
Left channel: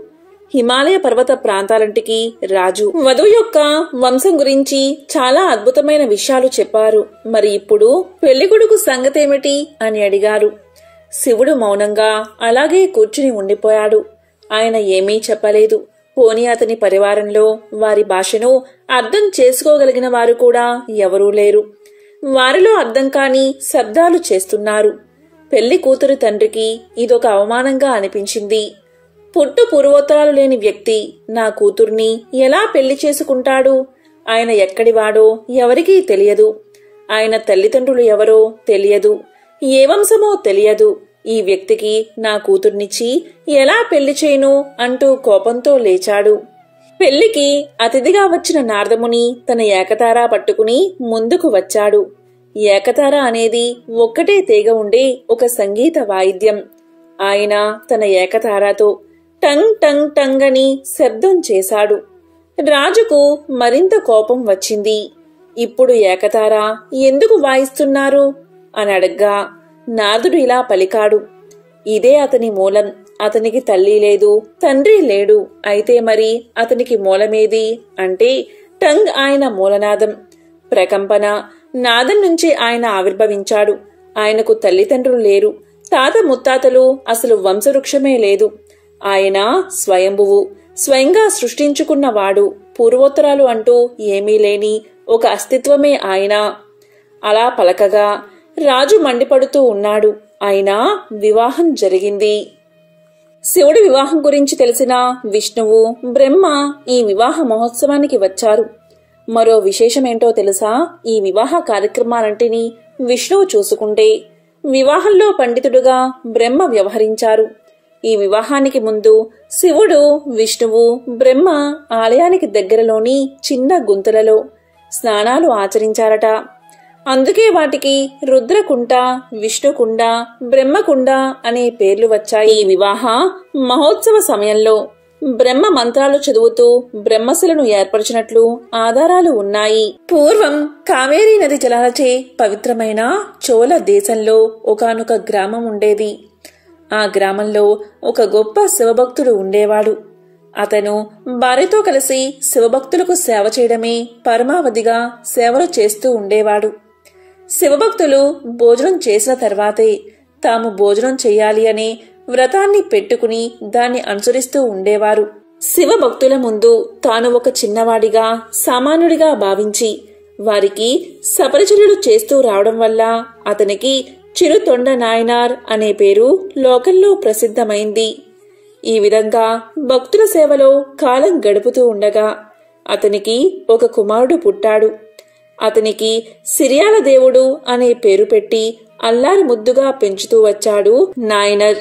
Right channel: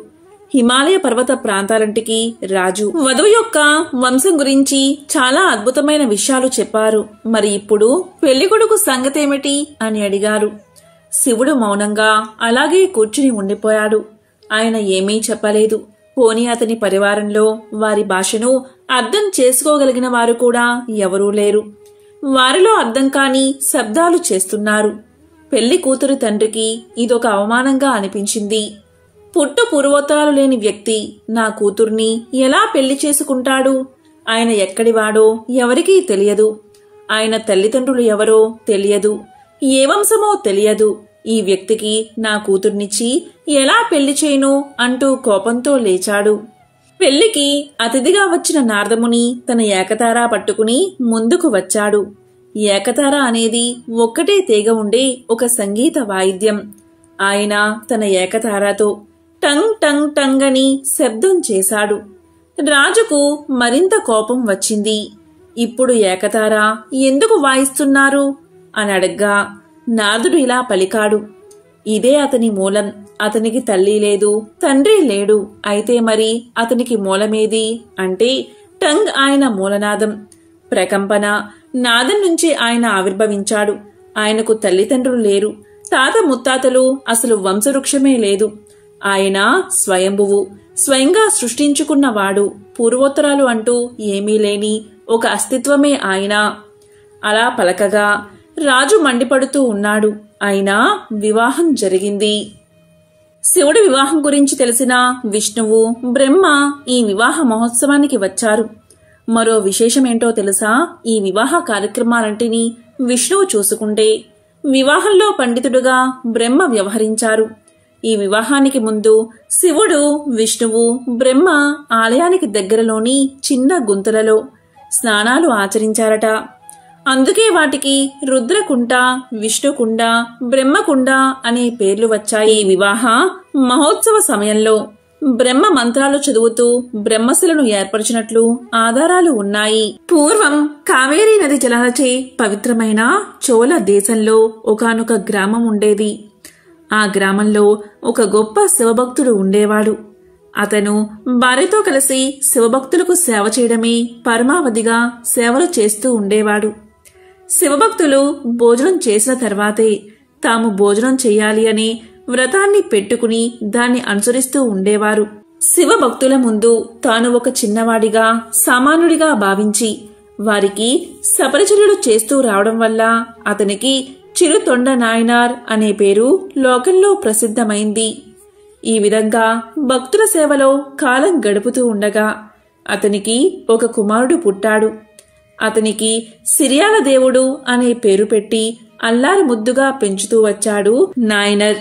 హిమాలయ పర్వత ప్రాంతాలంటికి రాజు. వధువు యొక్క వంశం గురించి చాలా అద్భుతమైన విషయాలు చెప్పారు. మరి ఇప్పుడు పెళ్లికొడుకు సంగతేమిటి అని అడిగారు. శివుడు మౌనంగా అలాగే కూర్చుని ఉండిపోయాడు. ఆయన ఏమీ చెప్పలేదు. పోనీ అతని పరివారంలో వారి భాషను అర్థం చేసుకోగలిగిన వారు కూడా ఎవరూ లేరు. వారిలో అర్థం కాని శబ్దాలు చేస్తున్నారు. పెళ్లి కూతురు తండ్రికి ఇదొక అవమానంగా అనిపించింది. పుట్టు పూర్వోత్తరాలు లేని వ్యక్తి నా కూతుర్ని ఎలా పెళ్లి చేసుకుంటాడు? ఆయన ఎక్కడివాడో ఎవరికీ తెలియదు. ఆయన తల్లిదండ్రులు ఎవరో తెలియదు. ఏ వంశమో తెలియదు. ఈ వ్యక్తికి నా కూతుర్నిచ్చి ఎలా పెళ్లి చేయను అంటూ కోపంతో లేచాడు. పెళ్లికి అతిథిగా వచ్చిన నారదముని తన ఏకతారా పట్టుకుని ముందుకు వచ్చాడు. ఏకతార అనేది ఒక్కటే తీగ ఉండే ఒక సంగీత వాయిద్యం. ఆయన తన ఏకతారాతో టంగ్ టంగ్ టంగ్ అని శబ్దం చేశాడు. రాజుకు మరింత కోపం వచ్చింది. ఇప్పుడు ఏకతార ఎందుకు వాయిస్తున్నారు అని అడగ్గా నారదుడు ఇలా పలికాడు. ఇదే అతని మూలం. అతనికి తల్లి లేదు, తండ్రి లేడు. అయితే మరి అతనికి మూలమేది అంటే టంగ్ ఆయన మూలనాదం. ప్రకంపన నాదం నుంచి ఆయన ఆవిర్భవించాడు. ఆయనకు తల్లిదండ్రులు లేరు, తాత ముత్తాతలు, అసలు వంశవృక్షమే లేదు. ఆయన స్వయంభువు, స్వయంగా సృష్టించుకున్నవాడు. పూర్వోత్తరాలు అంటూ ఏమీ లేని ఒక అస్తిత్వమే ఆయన. అలా పలకగా రాజు మండిపడుతూ ఉన్నాడు. అయినా వివాహం జరిగింది. శివుడి వివాహం గురించి తెలిసిన విష్ణువు, బ్రహ్మ ఈ వివాహ మహోత్సవానికి వచ్చారు. మరో విశేషమేంటో తెలుసా? ఈ వివాహ కార్యక్రమాలంటినీ విష్ణువు చూసుకుంటే వివాహంలో పండితుడుగా బ్రహ్మ వ్యవహరించారు. ఈ వివాహానికి ముందు శివుడు, విష్ణువు, బ్రహ్మ ఆలయానికి దగ్గరలోని చిన్న గుంతలలో స్నానాలు ఆచరించారట. అందుకే వాటికి రుద్రకుండ, విష్ణుకుండ, బ్రహ్మకుండ అనే పేర్లు వచ్చాయి. ఈ వివాహ మహోత్సవ సమయంలో బ్రహ్మ మంత్రాలు చదువుతూ బ్రహ్మశిలను ఏర్పరిచినట్లు ఆధారాలు ఉన్నాయి. పూర్వం కావేరీ నది జలాలచే పవిత్రమైన చోళ దేశంలో ఒకానొక గ్రామం ఉండేది. ఆ గ్రామంలో ఒక గొప్ప శివభక్తుడు ఉండేవాడు. అతను భార్యతో కలిసి శివభక్తులకు సేవ చేయడమే పరమావధిగా సేవలు చేస్తూ ఉండేవాడు. శివభక్తులు భోజనం చేసిన తర్వాతే తాము భోజనం చెయ్యాలి అనే వ్రతాన్ని పెట్టుకుని దాన్ని అనుసరిస్తూ ఉండేవారు. శివభక్తుల ముందు తాను ఒక చిన్నవాడిగా, సామాన్యుడిగా భావించి వారికి సపరిచర్యలు చేస్తూ రావడం వల్ల అతనికి చిరుతొండ నాయనార్ అనే పేరు లోకంలో ప్రసిద్ధమైంది. ఈ విధంగా భక్తుల సేవలో కాలం గడుపుతూ ఉండగా అతనికి ఒక కుమారుడు పుట్టాడు. అతనికి సిరియాల దేవుడు అనే పేరు పెట్టి అల్లారి ముద్దుగా పెంచుతూ వచ్చాడు నాయనర్.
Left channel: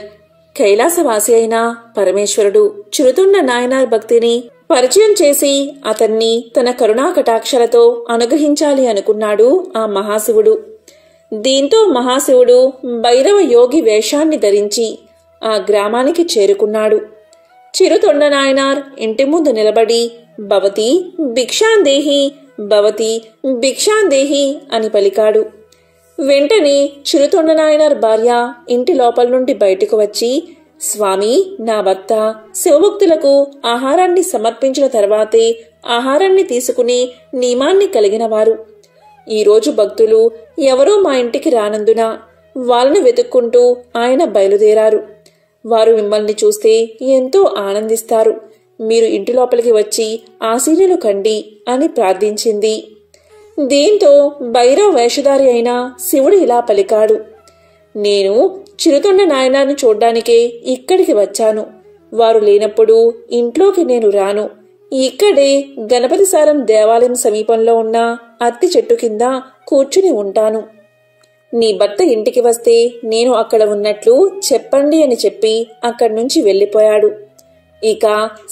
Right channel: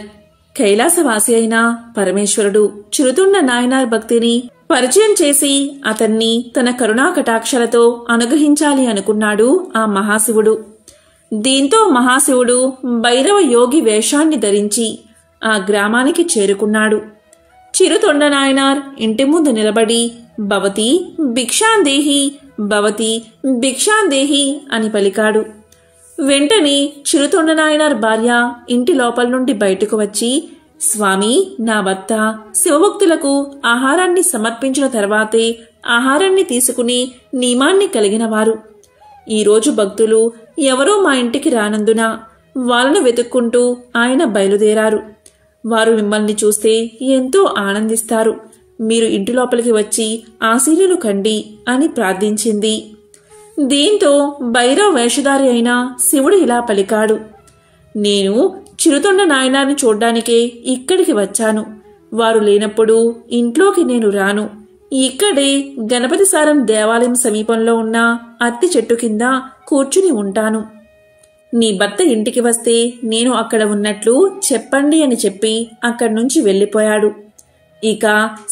కైలాసవాసి అయిన పరమేశ్వరుడు చిరుతొండ నాయనార్ భక్తిని పరిచయం చేసి అతన్ని తన కరుణా కటాక్షలతో అనుగ్రహించాలి అనుకున్నాడు ఆ మహాశివుడు. దీంతో మహాశివుడు భైరవ యోగి వేషాన్ని ధరించి ఆ గ్రామానికి చేరుకున్నాడు. చిరుతొండ నాయనార్ ఇంటి ముందు నిలబడి భవతి భిక్షాందేహి, భవతి భిక్షాందేహి అని పలికాడు. వెంటనే చిరుతొండ నాయనార్ భార్య ఇంటి లోపల నుండి బయటకు వచ్చి, స్వామి, నా భర్త శివభక్తులకు ఆహారాన్ని సమర్పించిన తర్వాతే ఆహారాన్ని తీసుకుని నియమాన్ని కలిగినవారు. ఈరోజు భక్తులు ఎవరో మా ఇంటికి రానందున వాళ్ళను వెతుక్కుంటూ ఆయన బయలుదేరారు. వారు మిమ్మల్ని చూస్తే ఎంతో ఆనందిస్తారు. మీరు ఇంటి లోపలికి వచ్చి ఆశీర్వలు కండి అని ప్రార్థించింది. దీంతో భైరవ వేషధారి అయిన శివుడు ఇలా పలికాడు, నేను చిరుతొండ నాయనార్ని చూడ్డానికే ఇక్కడికి వచ్చాను. వారు లేనప్పుడు ఇంట్లోకి నేను రాను. ఇక్కడే గణపతి సారం దేవాలయం సమీపంలో ఉన్న అత్తి చెట్టు కింద కూర్చుని ఉంటాను. నీ భర్త ఇంటికి వస్తే నేను అక్కడ ఉన్నట్లు చెప్పండి అని చెప్పి అక్కడి నుంచి వెళ్లిపోయాడు. ఇక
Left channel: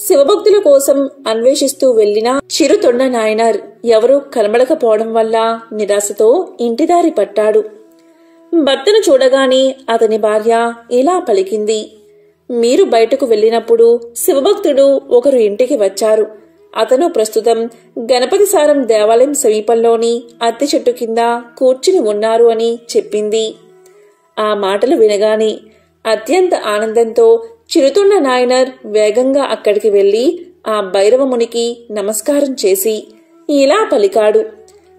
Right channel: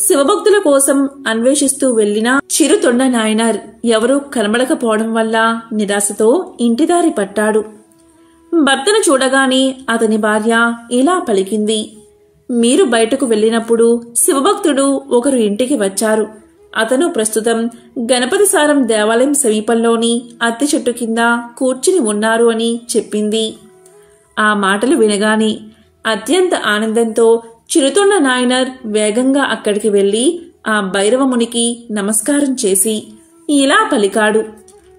శివభక్తుల కోసం అన్వేషిస్తూ వెళ్లిన చిరుతొండ నాయనార్ ఎవరూ కనబడకపోవడం వల్ల నిరాశతో ఇంటిదారి పట్టాడు. భర్తను చూడగానే అతని భార్య ఇలా పలికింది, మీరు బయటకు వెళ్లినప్పుడు శివభక్తుడు ఒకరు ఇంటికి వచ్చారు. అతను ప్రస్తుతం గణపతి సారం దేవాలయం సమీపంలోని అత్తి చెట్టు కింద కూర్చుని ఉన్నారు అని చెప్పింది. ఆ మాటలు వినగానే అత్యంత ఆనందంతో చిరుతొండ నాయనార్ వేగంగా అక్కడికి వెళ్లి ఆ భైరవమునికి నమస్కారం చేసి ఇలా పలికాడు,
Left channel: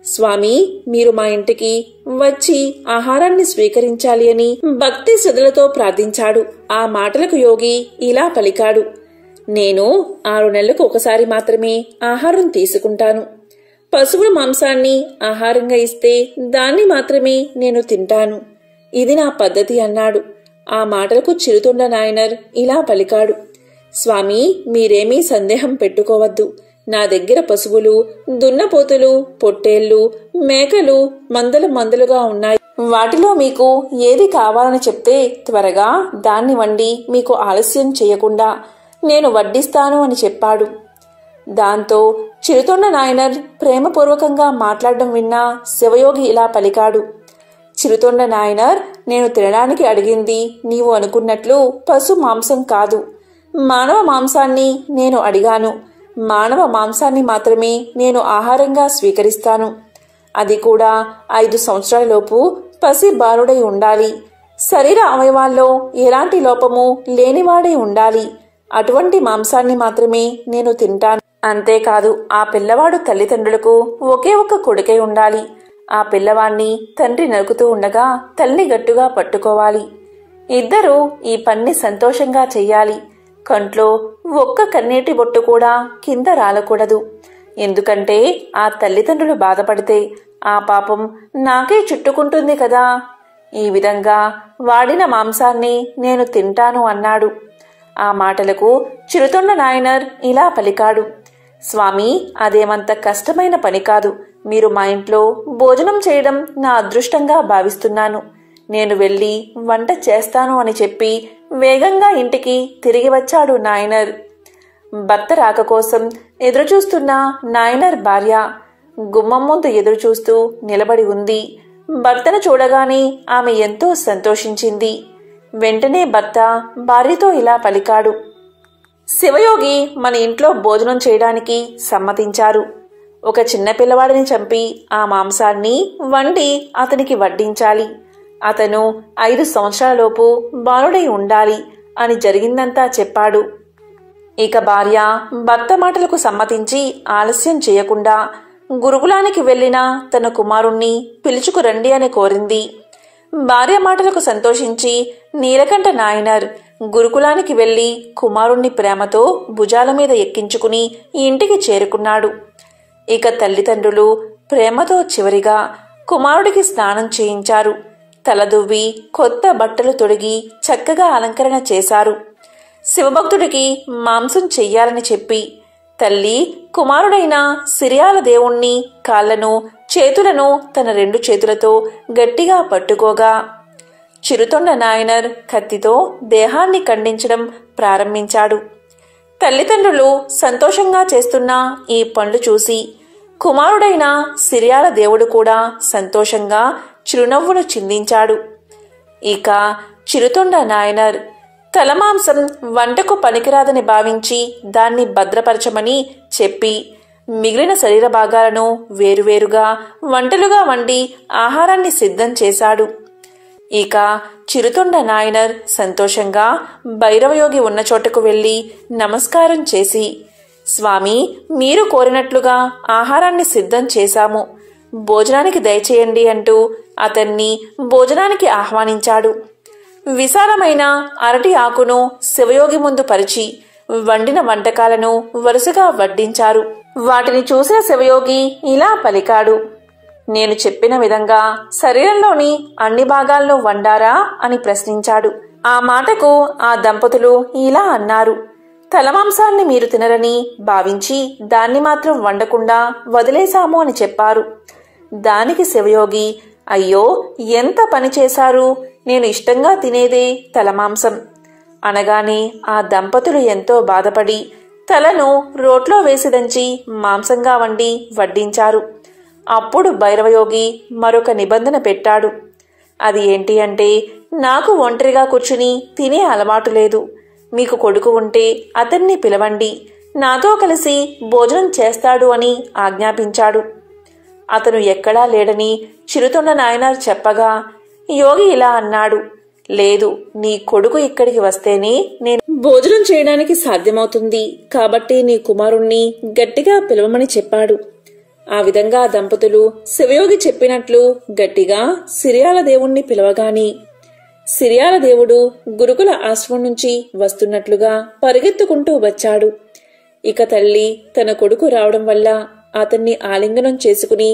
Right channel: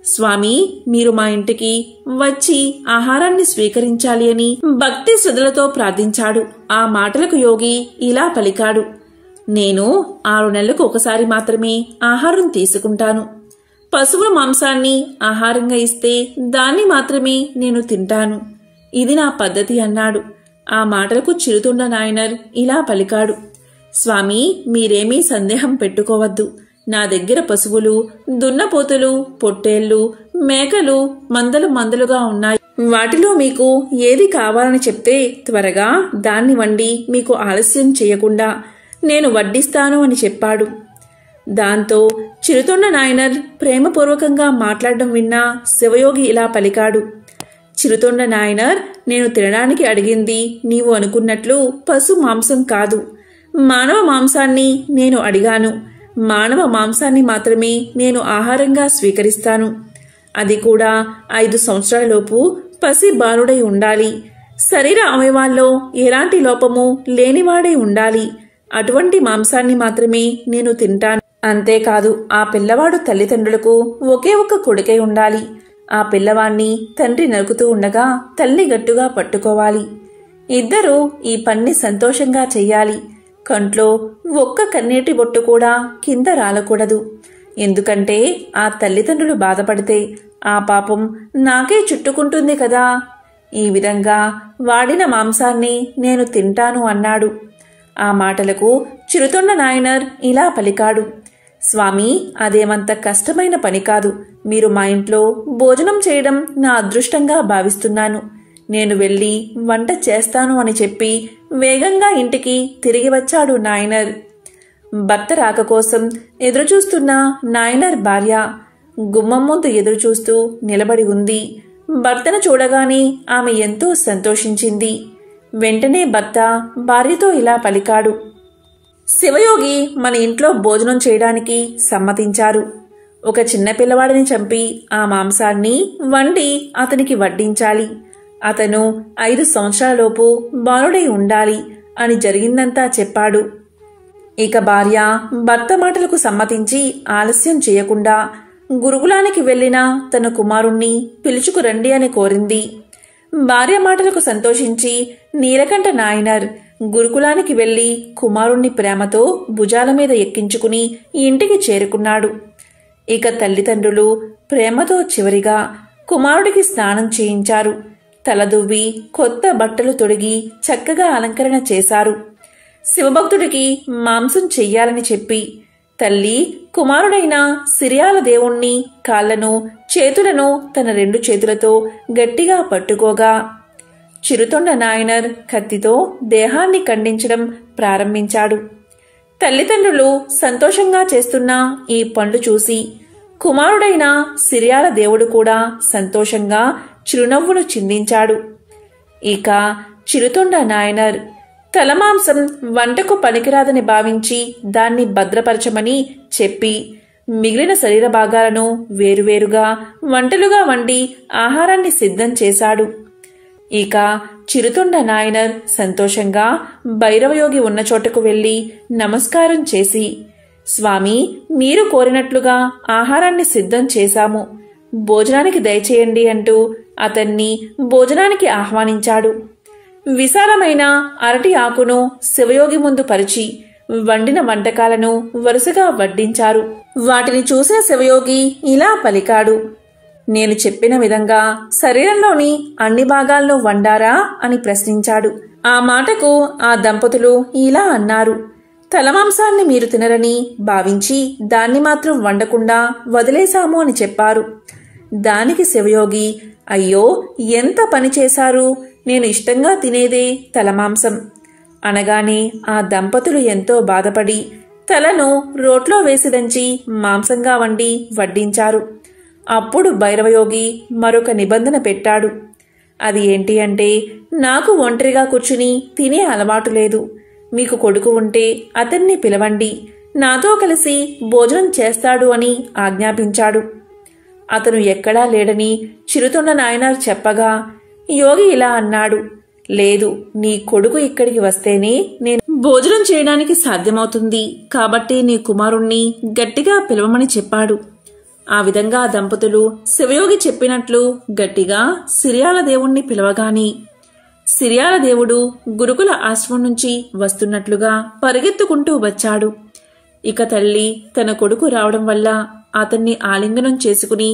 స్వామి, మీరు మా ఇంటికి వచ్చి ఆహారాన్ని స్వీకరించాలి అని భక్తి శ్రద్ధలతో ప్రార్థించాడు. ఆ మాటలకు యోగి ఇలా పలికాడు, నేను 6 నెలలకు ఒకసారి మాత్రమే ఆహారం తీసుకుంటాను. పశువుల మాంసాన్ని ఆహారంగా ఇస్తే దాన్ని మాత్రమే నేను తింటాను. ఇది నా పద్ధతి అన్నాడు. ఆ మాటలకు చిరుతొండ నాయనార్ ఇలా పలికాడు, స్వామి, మీరేమీ సందేహం పెట్టుకోవద్దు. నా దగ్గర పశువులు, దున్నపోతులు, పొట్టేళ్లు, మేకలు మందలుగా ఉన్నాయి. వాటిలో మీకు ఏది కావాలని చెప్తే త్వరగా దాన్ని వండి మీకు ఆలస్యం చేయకుండా నేను వడ్డిస్తాను అని చెప్పాడు. దాంతో చిరుతొండ నాయనార్ ప్రేమపూర్వకంగా మాట్లాడడం విన్న శివయోగి ఇలా పలికాడు, చిరుతొండ నాయనార్, నేను తినడానికి అడిగింది నీవు అనుకున్నట్లు పశు మాంసం కాదు, మానవ మాంసాన్ని నేను అడిగాను. మానవ మాంసాన్ని మాత్రమే నేను ఆహారంగా స్వీకరిస్తాను. అది కూడా 5 సంవత్సరాలలోపు పసి బాలుడై ఉండాలి. శరీర అవయవాల్లో ఎలాంటి లోపము లేనివాడై ఉండాలి. అటువంటి మాంసాన్ని మాత్రమే నేను తింటాను. అంతేకాదు, ఆ పిల్లవాడు తల్లిదండ్రులకు ఒకే ఒక్క కొడుకై ఉండాలి. ఆ పిల్లవాణ్ణి తండ్రి నరుకుతూ ఉండగా తల్లి గట్టుగా పట్టుకోవాలి. ఇద్దరూ ఈ పన్ని సంతోషంగా చెయ్యాలి. కంట్లో ఒక్క కన్నీటి బొట్టు కూడా కింద రాలకూడదు. ఎందుకంటే ఆ తల్లిదండ్రులు బాధపడితే ఆ పాపం నాకే చుట్టుకుంటుంది కదా. ఈ విధంగా వాడిన మాంసాన్ని నేను తింటాను అన్నాడు. ఆ మాటలకు చిరుతొండ నాయనర్ ఇలా పలికాడు. స్వామి, అదేమంత కష్టమైన పని కాదు. మీరు మా ఇంట్లో భోజనం చేయడం నా అదృష్టంగా భావిస్తున్నాను. నేను వెళ్ళి వంట చేస్తాను అని చెప్పి వేగంగా ఇంటికి తిరిగి వచ్చాడు నాయనర్. భర్త రాక కోసం ఎదురుచూస్తున్న నాయనర్ భార్య గుమ్మం ముందు ఎదురుచూస్తూ నిలబడి ఉంది. భర్తను చూడగానే ఆమె ఎంతో సంతోషించింది. వెంటనే భర్త భార్యతో ఇలా పలికాడు. శివయోగి మన ఇంట్లో భోజనం చేయడానికి సమ్మతించారు. ఒక చిన్న పిల్లవాడిని చంపి ఆ మాంసాన్ని వండి అతనికి వడ్డించాలి. అతను 5 సంవత్సరాలలోపు బాలుడై ఉండాలి అని జరిగిందంతా చెప్పాడు. ఇక భార్య భర్త మాటలకు సమ్మతించి ఆలస్యం చేయకుండా గురుకులానికి వెళ్లిన తన కుమారుణ్ణి పిలుచుకురండి అని కోరింది. భార్య మాటలకు సంతోషించి నీలకంఠ నాయనర్ గురుకులానికి వెళ్లి కుమారుణ్ణి ప్రేమతో భుజాల మీద ఎక్కించుకుని ఇంటికి చేరుకున్నాడు. ఇక తల్లిదండ్రులు ప్రేమతో చివరిగా కుమారుడికి స్నానం చేయించారు. తలదువ్వి కొత్త బట్టలు తొడిగి చక్కగా అలంకరణ చేశారు. శివభక్తుడికి మాంసం చెయ్యాలని చెప్పి తల్లి కుమారుడైన సిరియాల దేవుణ్ణి కాళ్లను చేతులను తన 2 చేతులతో గట్టిగా పట్టుకోగా చిరుతొండ నాయనర్ కత్తితో దేహాన్ని ఖండించడం ప్రారంభించాడు. తల్లిదండ్రులు సంతోషంగా చేస్తున్న ఈ పనులు చూసి కుమారుడైన సిరియాల దేవుడు కూడా సంతోషంగా చిరునవ్వును చిందించాడు. ఇక చిరుతొండ నాయనర్ తలమాంసం వంటకు పనికిరాదని భావించి దాన్ని భద్రపరచమని చెప్పి మిగిలిన శరీర భాగాలను వేరువేరుగా వంటలుగా వండి ఆహారాన్ని సిద్ధం చేశాడు. ఇక చిరుతొండ నాయనర్ సంతోషంగా భైరవయోగి ఉన్న చోటకు వెళ్లి నమస్కారం చేసి, స్వామి, మీరు కోరినట్లుగా ఆహారాన్ని సిద్ధం చేశాము, భోజనానికి దయచేయండి అంటూ అతన్ని భోజనానికి ఆహ్వానించాడు. విశాలమైన అరటి ఆకును శివయోగి ముందు పరిచి వండిన వంటకాలను వరుసగా వడ్డించారు. వాటిని చూసిన శివయోగి ఇలా పలికాడు. నేను చెప్పిన విధంగా శరీరంలోని అన్ని భాగాలను వండారా అని ప్రశ్నించాడు. ఆ మాటకు ఆ దంపతులు ఇలా అన్నారు. తలమాంసాన్ని మీరు తినరని భావించి దాన్ని మాత్రం వండకుండా వదిలేశాము అని చెప్పారు. దానికి శివయోగి, అయ్యో, ఎంత పని చేశారు, నేను ఇష్టంగా తినేదే తలమాంసం అనగానే ఆ దంపతులు ఎంతో బాధపడి తలను రోట్లో వేసి దంచి మాంసంగా వండి వడ్డించారు. అప్పుడు భైరవయోగి మరొక నిబంధన పెట్టాడు. అది ఏంటి అంటే, నాకు ఒంటరిగా కూర్చుని తినే అలవాటు లేదు. మీకు కొడుకు ఉంటే అతన్ని పిలవండి, నాతో కలిసి భోజనం చేస్తాడు అని ఆజ్ఞాపించాడు. అతను ఎక్కడా లేడని చిరుతొండ నాయనర్ చెప్పగా యోగి ఇలా అన్నాడు. లేదు, నీ కొడుకు ఇక్కడికి వస్తేనే నేను భోజనం చేయడానికి సాధ్యమవుతుంది. కాబట్టి నీ కుమారుణ్ణి గట్టిగా పిలవమని చెప్పాడు. ఆ విధంగా దంపతులు శివయోగి చెప్పినట్లు గట్టిగా సిరియాల దేవుణ్ణి పిలవగాని సిరియాల దేవుడు గురుకుల ఆశ్రమం నుంచి వస్తున్నట్లుగా పరిగెత్తుకుంటూ వచ్చాడు. ఇక తల్లి తన కొడుకు రావడం వల్ల అతన్ని ఆలింగనం చేసుకుని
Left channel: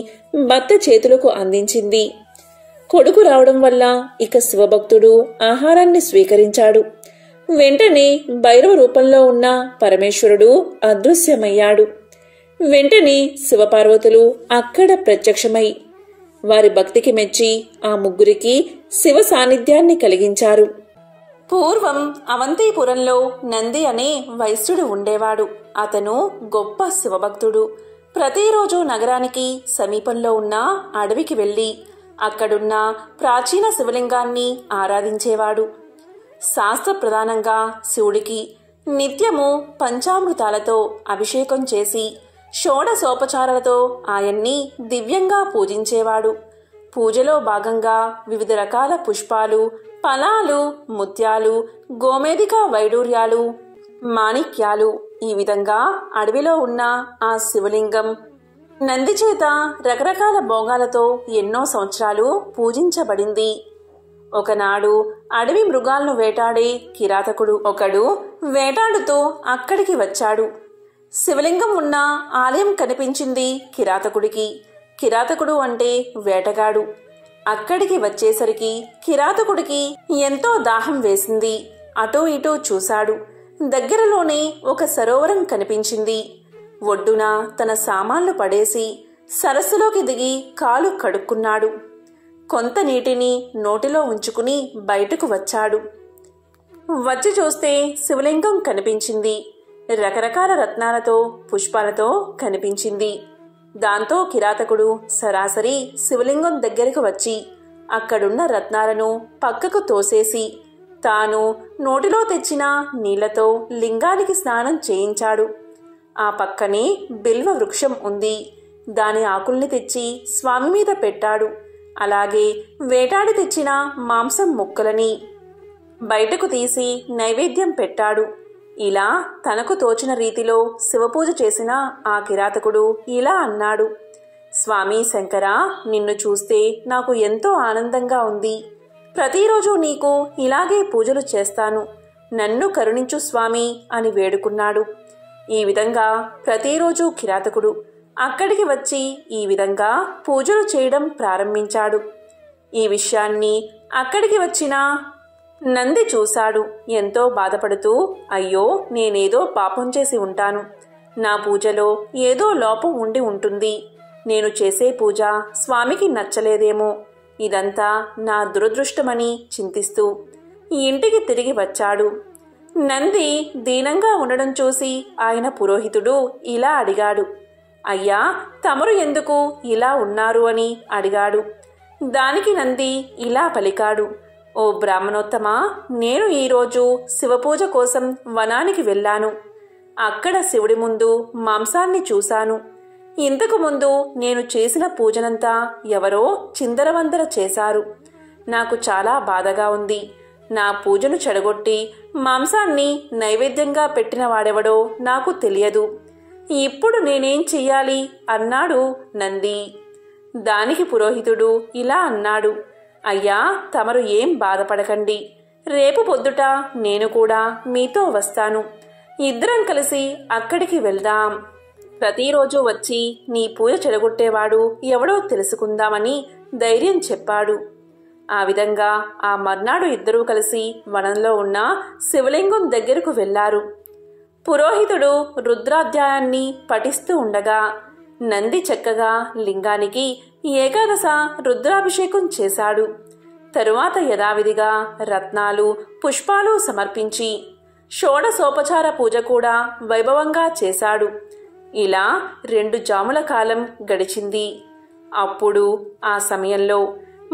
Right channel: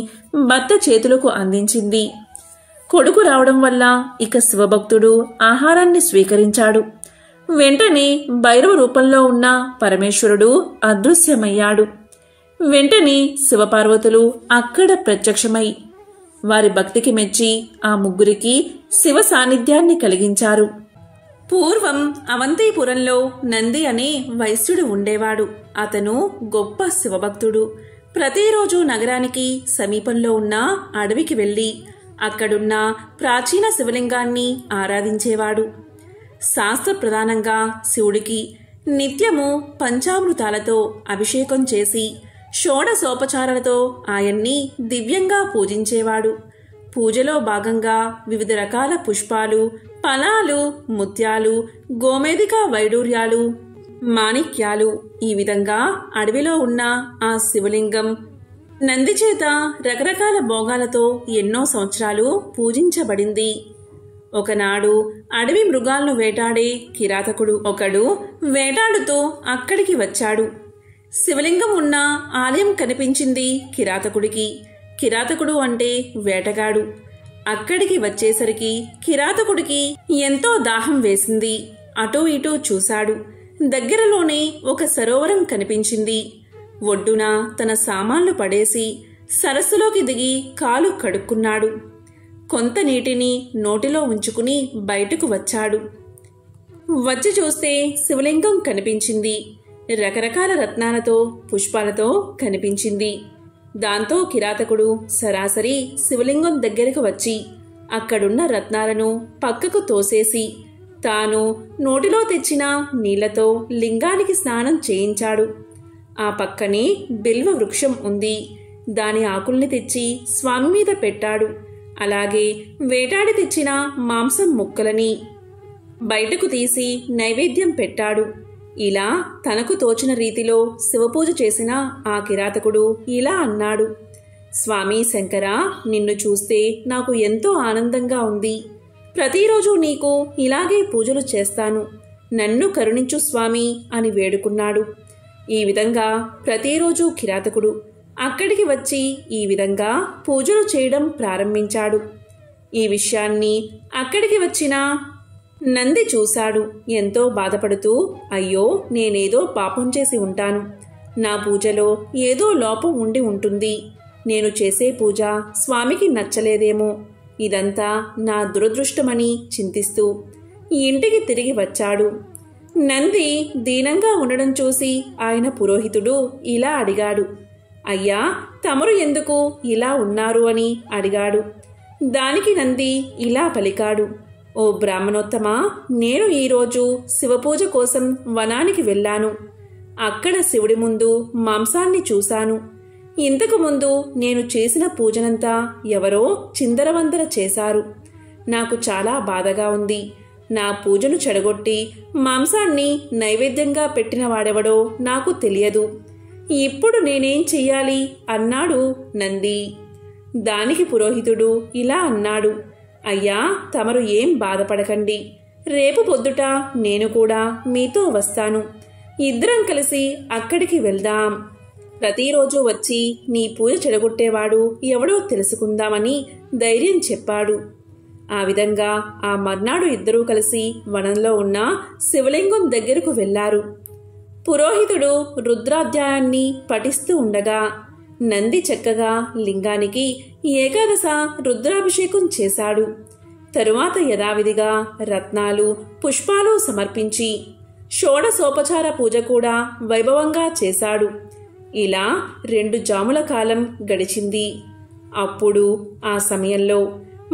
భర్త చేతులకు అందించింది. కొడుకు రావడం వల్ల ఇక శివభక్తుడు ఆహారాన్ని స్వీకరించాడు. వెంటనే భైరవ రూపంలో ఉన్న పరమేశ్వరుడు అదృశ్యమయ్యాడు. వెంటనే శివపార్వతులు అక్కడ ప్రత్యక్షమై వారి భక్తికి మెచ్చి ఆ ముగ్గురికి శివ సాన్నిధ్యాన్ని కలిగించారు. పూర్వం అవంతిపురంలో నంది అనే వైశ్యుడు ఉండేవాడు. అతను గొప్ప శివభక్తుడు. ప్రతిరోజు నగరానికి సమీపంలో ఉన్న అడవికి వెళ్లి అక్కడున్న ప్రాచీన శివలింగాన్ని ఆరాధించేవాడు. శాస్త్ర ప్రధానంగా శివుడికి నిత్యము పంచామృతాలతో అభిషేకం చేసి షోడశోపచారాలతో ఆయన్ని దివ్యంగా పూజించేవాడు. పూజలో భాగంగా వివిధ రకాల పుష్పాలు, ఫలాలు, ముత్యాలు, గోమేధిక వైడూర్యాలు, మాణిక్యాలు, ఈ విధంగా అడవిలో ఉన్న ఆ శివలింగం నందిచేత రకరకాల భోగాలతో ఎన్నో సంవత్సరాలు పూజించబడింది. ఒకనాడు అడవి మృగాలను వేటాడే కిరాతకుడు ఒకడు వేటాడుతూ అక్కడికి వచ్చాడు. శివలింగం ఉన్న ఆలయం కనిపించింది కిరాతకుడికి. కిరాతకుడు అంటే వేటగాడు. అక్కడికి వచ్చేసరికి కిరాతకుడికి ఎంతో దాహం వేసింది. అటూ ఇటూ చూశాడు. దగ్గరలోనే ఒక సరోవరం కనిపించింది. ఒడ్డున తన సామాన్లు పడేసి సరస్సులోకి దిగి కాలు కడుక్కున్నాడు. కొంత నీటిని నోటిలో ఉంచుకుని బయటకు వచ్చాడు. వచ్చి చూస్తే శివలింగం కనిపించింది. రకరకాల రత్నాలతో పుష్పాలతో కనిపించింది. దాంతో కిరాతకుడు సరాసరి శివలింగం దగ్గరకు వచ్చి అక్కడున్న రత్నాలను పక్కకు తోసేసి తాను నోటిలో తెచ్చిన నీళ్లతో లింగానికి స్నానం చేయించాడు. ఆ పక్కనే బిల్వ వృక్షం ఉంది. దాని ఆకుల్ని తెచ్చి స్వామి మీద పెట్టాడు. అలాగే వేటాడి తెచ్చిన మాంసం ముక్కలని బయటకు తీసి నైవేద్యం పెట్టాడు. ఇలా తనకు తోచిన రీతిలో శివపూజ చేసిన ఆ కిరాతకుడు ఇలా అన్నాడు: స్వామి శంకరా, నిన్ను చూస్తే నాకు ఎంతో ఆనందంగా ఉంది. ప్రతిరోజు నీకు ఇలాగే పూజలు చేస్తాను. నన్ను కరుణించు స్వామి అని వేడుకున్నాడు. ఈ విధంగా ప్రతిరోజు కిరాతకుడు అక్కడికి వచ్చి ఈ విధంగా పూజలు చేయడం ప్రారంభించాడు. ఈ విషయాన్ని అక్కడికి వచ్చిన నంది చూశాడు. ఎంతో బాధపడుతూ, అయ్యో, నేనేదో పాపం చేసి ఉంటాను. నా పూజలో ఏదో లోపం ఉండి ఉంటుంది. నేను చేసే పూజ స్వామికి నచ్చలేదేమో. ఇదంతా నా దురదృష్టమని చింతిస్తూ ఇంటికి తిరిగి వచ్చాడు. నంది దీనంగా ఉండడం చూసి ఆయన పురోహితుడు ఇలా అడిగాడు: అయ్యా, తమరు ఎందుకు ఇలా ఉన్నారు అని అడిగాడు. దానికి నంది ఇలా పలికాడు: ఓ బ్రాహ్మణోత్తమా, నేను ఈరోజు శివపూజ కోసం వనానికి వెళ్ళాను. అక్కడ శివుడి ముందు మాంసాన్ని చూశాను. ఇంతకు ముందు నేను చేసిన పూజనంతా ఎవరో చిందరవందర చేశారు. నాకు చాలా బాధగా ఉంది. నా పూజను చెడగొట్టి మాంసాన్ని నైవేద్యంగా పెట్టిన వాడెవడో నాకు తెలియదు. ఇప్పుడు నేనేం చెయ్యాలి అన్నాడు నంది. దానికి పురోహితుడు ఇలా అన్నాడు: అయ్యా, తమరు ఏం బాధపడకండి. రేపు పొద్దుట నేను కూడా మీతో వస్తాను. ఇద్దరం కలిసి అక్కడికి వెళ్దాం. ప్రతిరోజు వచ్చి నీ పూజ చెడగొట్టేవాడు ఎవడో తెలుసుకుందామని ధైర్యం చెప్పాడు. ఆ విధంగా ఆ మర్నాడు ఇద్దరూ కలిసి వనంలో ఉన్న శివలింగం దగ్గరకు వెళ్లారు. పురోహితుడు రుద్రాధ్యాయాన్ని పఠిస్తూ ఉండగా నంది చక్కగా లింగానికి ఏకాదశ రుద్రాభిషేకం చేశాడు. తరువాత యథావిధిగా రత్నాలు పుష్పాలు సమర్పించి షోడశోపచార పూజ కూడా వైభవంగా చేశాడు. ఇలా 2 జాముల కాలం గడిచింది. అప్పుడు ఆ సమయంలో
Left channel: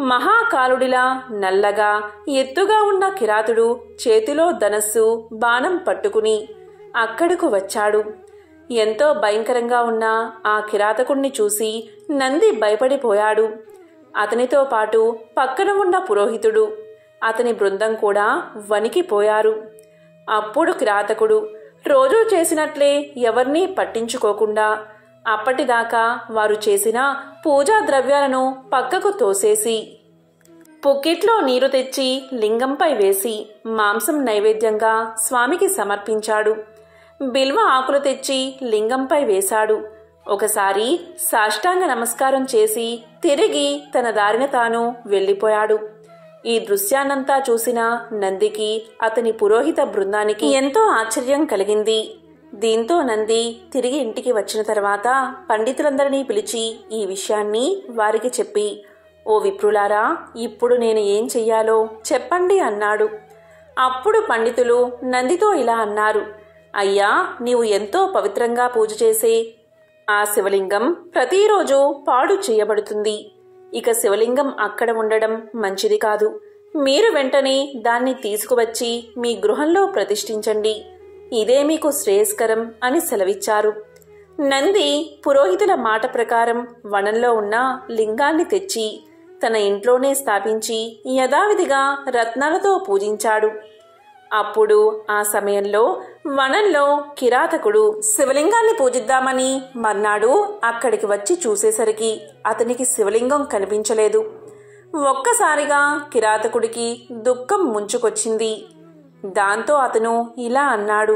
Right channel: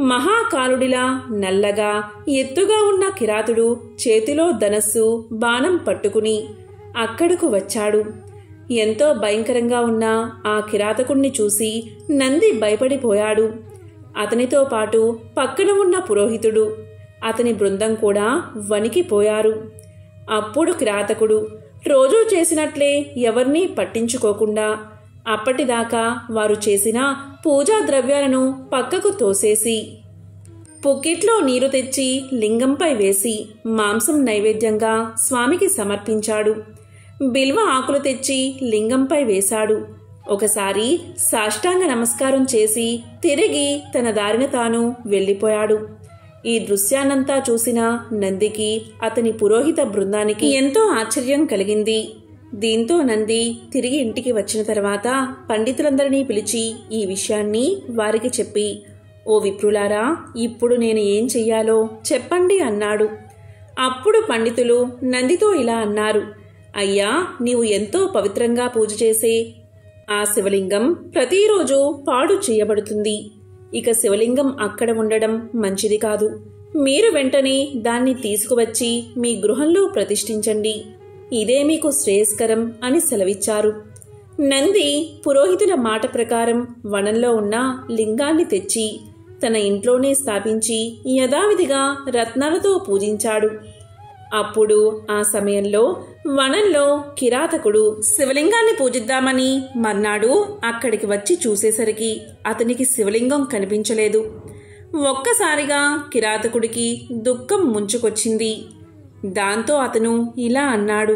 మహాకాలుడిలా నల్లగా ఎత్తుగా ఉన్న కిరాతుడు చేతిలో ధనస్సు బాణం పట్టుకుని అక్కడకు వచ్చాడు. ఎంతో భయంకరంగా ఉన్న ఆ కిరాతకుణ్ణి చూసి నంది భయపడిపోయాడు. అతనితో పాటు పక్కన ఉన్న పురోహితుడు, అతని బృందం కూడా వణికిపోయారు. అప్పుడు కిరాతకుడు రోజూ చేసినట్లే ఎవర్నీ పట్టించుకోకుండా అప్పటిదాకా వారు చేసిన పూజా ద్రవ్యాలను పక్కకు తోసేసి పుక్కిట్లో నీరు తెచ్చి లింగంపై వేసి మాంసం నైవేద్యంగా స్వామికి సమర్పించాడు. బిల్వ ఆకులు తెచ్చి లింగంపై వేశాడు. ఒకసారి సాష్టాంగ నమస్కారం చేసి తిరిగి తన దారిన తాను వెళ్ళిపోయాడు. ఈ దృశ్యాన్నంతా చూసిన నందికి, అతని పురోహిత బృందానికి ఎంతో ఆశ్చర్యం కలిగింది. దీంతో నంది తిరిగి ఇంటికి వచ్చిన తర్వాత పండితులందరినీ పిలిచి ఈ విషయాన్ని వారికి చెప్పి, ఓ విప్రులారా, ఇప్పుడు నేను ఏం చెయ్యాలో చెప్పండి అన్నాడు. అప్పుడు పండితులు నందితో ఇలా అన్నారు: అయ్యా, నీవు ఎంతో పవిత్రంగా పూజ చేసే ఆ శివలింగం ప్రతిరోజు పాడు చేయబడుతుంది. ఇక శివలింగం అక్కడ ఉండడం మంచిది కాదు. మీరు వెంటనే దాన్ని తీసుకువచ్చి మీ గృహంలో ప్రతిష్ఠించండి. ఇదే మీకు శ్రేయస్కరం అని సెలవిచ్చారు. నంది పురోహితుల మాట ప్రకారం వనంలో ఉన్న లింగాన్ని తెచ్చి తన ఇంట్లోనే స్థాపించి యథావిధిగా రత్నాలతో పూజించాడు. అప్పుడు ఆ సమయంలో వనంలో కిరాతకుడు శివలింగాన్ని పూజిద్దామని మర్నాడు అక్కడికి వచ్చి చూసేసరికి అతనికి శివలింగం కనిపించలేదు. ఒక్కసారిగా కిరాతకుడికి దుఃఖం ముంచుకొచ్చింది. దాంతో అతను ఇలా అన్నాడు:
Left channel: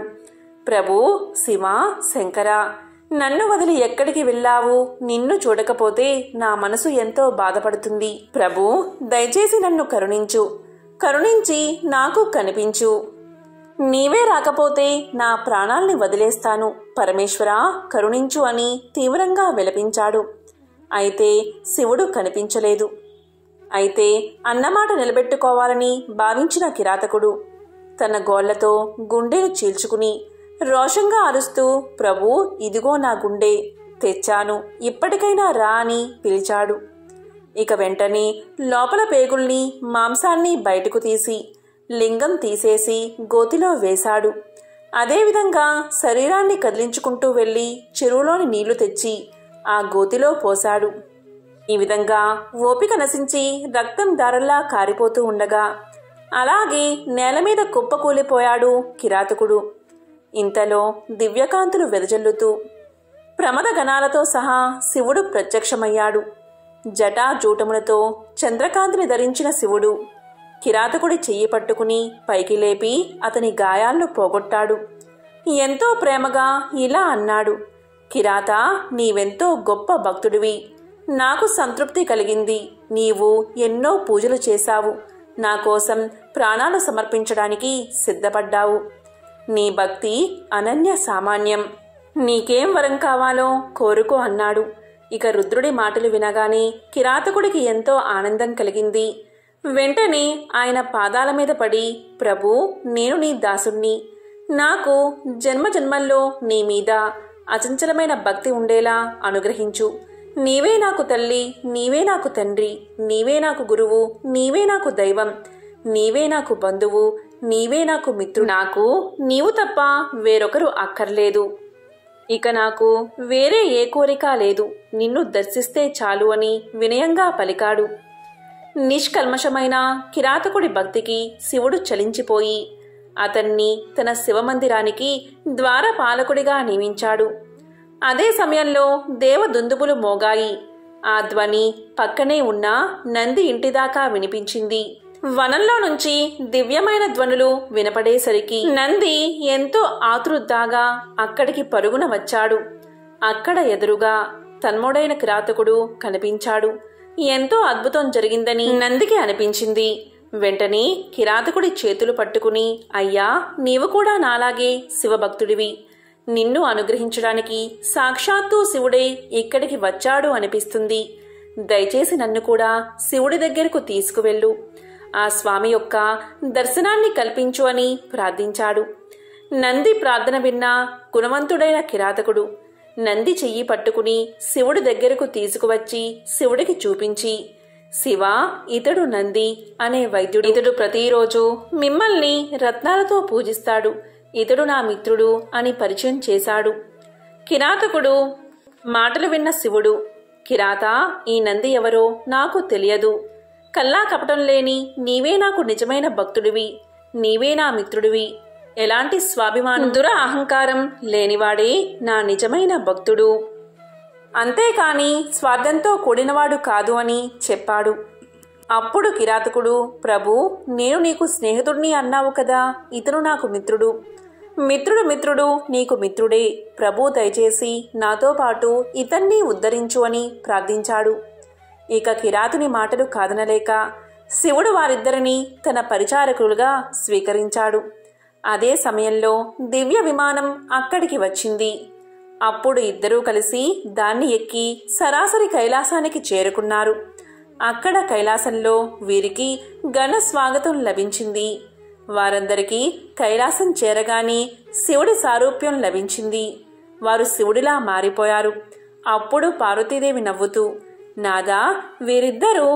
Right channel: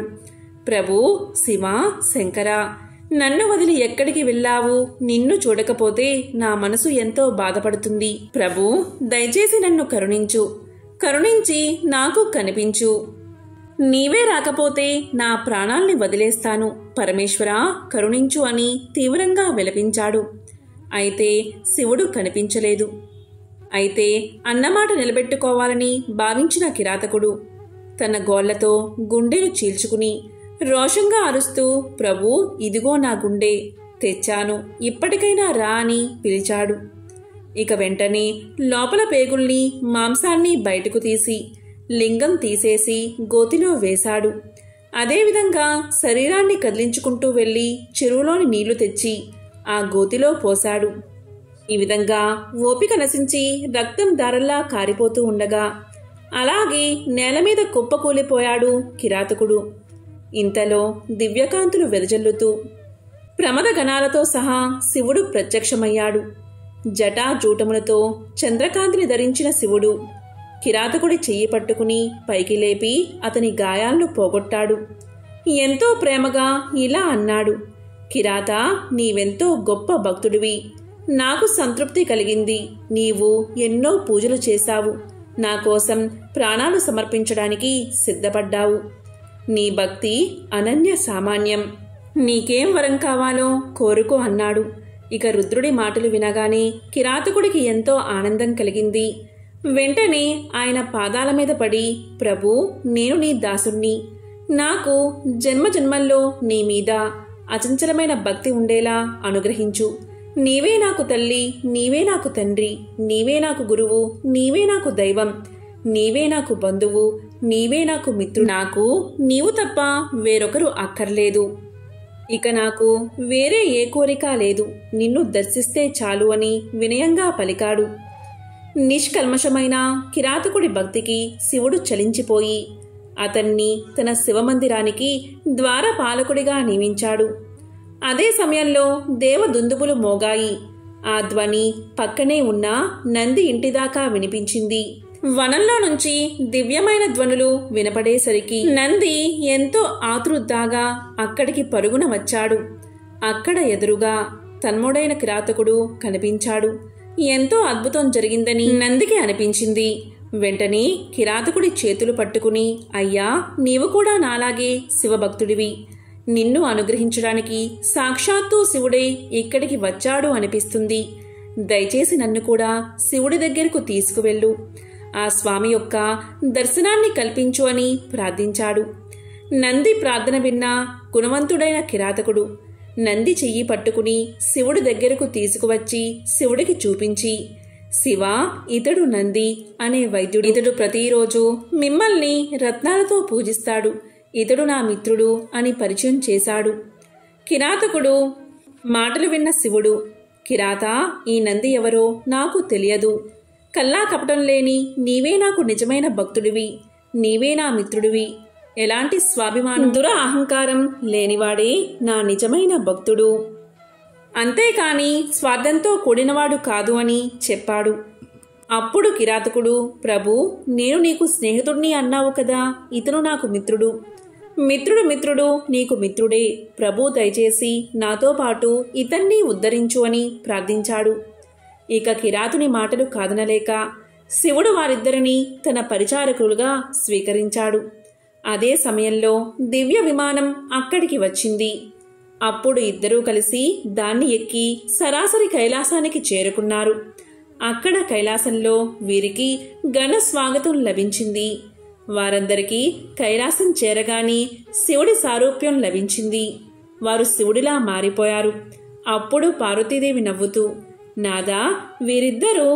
ప్రభూ, శివ, శంకర, నన్ను వదిలి ఎక్కడికి వెళ్ళావు? నిన్ను చూడకపోతే నా మనసు ఎంతో బాధపడుతుంది. ప్రభూ, దయచేసి నన్ను కరుణించు, కరుణించి నాకు కనిపించు. నీవే రాకపోతే నా ప్రాణాల్ని వదిలేస్తాను. పరమేశ్వరా, కరుణించు అని తీవ్రంగా విలపించాడు. అయితే శివుడు కనిపించలేదు. అయితే అన్నమాట నిలబెట్టుకోవాలని భావించిన కిరాతకుడు తన గోళ్లతో గుండెను చీల్చుకుని రోషంగా అరుస్తూ, ప్రభూ, ఇదిగో నా గుండె తెచ్చాను, ఇప్పటికైనా రా అని పిలిచాడు. ఇక వెంటనే లోపల పేగుల్ని, మాంసాన్ని బయటకు తీసి లింగం తీసేసి గోతిలో వేశాడు. అదేవిధంగా శరీరాన్ని కదిలించుకుంటూ వెళ్లి చెరువులోని నీళ్లు తెచ్చి ఆ గోతిలో పోశాడు. ఈ విధంగా ఓపిక నశించి రక్తం ధారల్లా కారిపోతూ ఉండగా అలాగే నేలమీద కుప్పకూలిపోయాడు కిరాతకుడు. ఇంతలో దివ్యకాంతులు వెదజల్లుతూ ప్రమదగణాలతో సహా శివుడు ప్రత్యక్షమయ్యాడు. జటాజూటములతో చంద్రకాంతిని ధరించిన శివుడు కిరాతకుడి చెయ్యి పట్టుకుని పైకి లేపి అతని గాయాలను పోగొట్టాడు. ఎంతో ప్రేమగా ఇలా అన్నాడు, కిరాత, నీవెంతో గొప్ప భక్తుడివి. నాకు సంతృప్తి కలిగింది. నీవు ఎన్నో పూజలు చేశావు. నా కోసం ప్రాణాలు సమర్పించడానికి సిద్ధపడ్డావు. నీ భక్తి అనన్య సామాన్యం. నీకేం వరం కావాలో కోరుకో అన్నాడు. ఇక రుద్రుడి మాటలు వినగానే కిరాతకుడికి ఎంతో ఆనందం కలిగింది. వెంటనే ఆయన పాదాల మీద పడి, ప్రభూ, నేను నీ దాసుణ్ణి. నాకు జన్మజన్మల్లో నీ మీద అచంచలమైన భక్తి ఉండేలా అనుగ్రహించు. నీవే నాకు తల్లి, నీవే నాకు తండ్రి, నీవే నాకు గురువు, నీవే నాకు దైవం, నీవే నాకు బంధువు, నీవే నాకు మిత్రుడు. నాకు నీవు తప్ప వేరొకరు అక్కర్లేదు. ఇక నాకు వేరే ఏ కోరిక లేదు. నిన్ను దర్శిస్తే చాలు అని వినయంగా పలికాడు. నిష్కల్మషమైన కిరాతకుడి భక్తికి శివుడు చలించిపోయి అతన్ని తన శివమందిరానికి ద్వారపాలకుడిగా నియమించాడు. అదే సమయంలో దేవదుందుబులు మోగాయి. ఆ ధ్వని పక్కనే ఉన్న నంది ఇంటిదాకా వినిపించింది. వనంలో నుంచి దివ్యమైన ధ్వనులు వినపడేసరికి నంది ఎంతో ఆతృతగా అక్కడికి పరుగున వచ్చాడు. అక్కడ ఎదురుగా తన్ముడైన కిరాతకుడు కనిపించాడు. ఎంతో అద్భుతం జరిగిందని నందికి అనిపించింది. వెంటనే కిరాతకుడి చేతులు పట్టుకుని, అయ్యా, నీవు కూడా నాలాగే శివభక్తుడివి. నిన్ను అనుగ్రహించడానికి సాక్షాత్తు శివుడే ఇక్కడికి వచ్చాడు అనిపిస్తుంది. దయచేసి నన్ను కూడా శివుడి దగ్గరకు తీసుకువెళ్ళు. ఆ స్వామి యొక్క దర్శనాన్ని కల్పించు అని ప్రార్థించాడు. నంది ప్రార్థన విన్న గుణవంతుడైన కిరాతకుడు నంది చెయ్యి పట్టుకుని శివుడి దగ్గరకు తీసుకువచ్చి శివుడికి చూపించి, శివ, ఇతడు నంది అనే వైద్యుడు. ఇతడు ప్రతిరోజు మిమ్మల్ని రత్నాలతో పూజిస్తాడు. ఇతడు నా మిత్రుడు అని పరిచయం చేశాడు. కిరాతకుడు మాటలు విన్న శివుడు, కిరాత, ఈ నంది ఎవరో నాకు తెలియదు. కల్లా కపటం లేని నీవే నాకు నిజమైన భక్తుడివి. నీవే నా మిత్రుడివి. ఎలాంటి స్వాభిమానం, దుర అహంకారం లేనివాడే నా నిజమైన భక్తుడు. అంతేకాని స్వార్థంతో కూడినవాడు కాదు అని చెప్పాడు. అప్పుడు కిరాతకుడు, ప్రభూ, నేను నీకు స్నేహితుడిని అన్నావు కదా, ఇతను నాకు మిత్రుడు. మిత్రుడు నీకు మిత్రుడే. ప్రభూ, దయచేసి నాతో పాటు ఇతన్ని ఉద్ధరించు అని ప్రార్థించాడు. ఇక కిరాతుని మాటలు కాదనలేక శివుడు వారిద్దరినీ తన పరిచారకులుగా స్వీకరించాడు. అదే సమయంలో దివ్య విమానం అక్కడికి వచ్చింది. అప్పుడు ఇద్దరూ కలిసి దాన్ని ఎక్కి సరాసరి కైలాసానికి చేరుకున్నారు. అక్కడ కైలాసంలో వీరికి ఘన స్వాగతం లభించింది. వారందరికీ కైలాసం చేరగానే శివుడి సారూప్యం లభించింది. వారు శివుడిలా మారిపోయారు. అప్పుడు పార్వతీదేవి నవ్వుతూ, నాదా, వీరిద్దరూ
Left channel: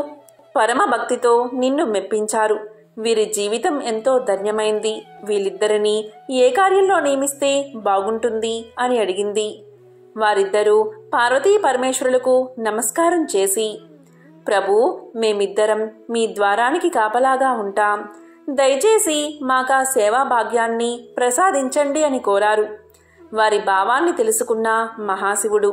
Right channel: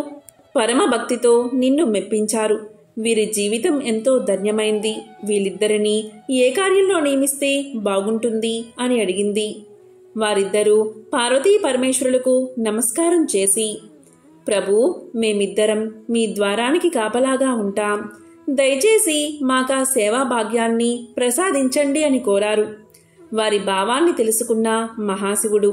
పరమ భక్తితో నిన్ను మెప్పించారు. వీరి జీవితం ఎంతో ధన్యమైంది. వీళ్ళిద్దరినీ ఏ కార్యంలో నియమిస్తే బాగుంటుంది అని అడిగింది. వారిద్దరూ పార్వతీ పరమేశ్వరులకు నమస్కారం చేసి, ప్రభూ, మేమిద్దరం మీ ద్వారానికి కాపలాగా ఉంటాం. దయచేసి మాకా సేవా భాగ్యాన్ని ప్రసాదించండి అని కోరారు. వారి భావాన్ని తెలుసుకున్న మహాశివుడు,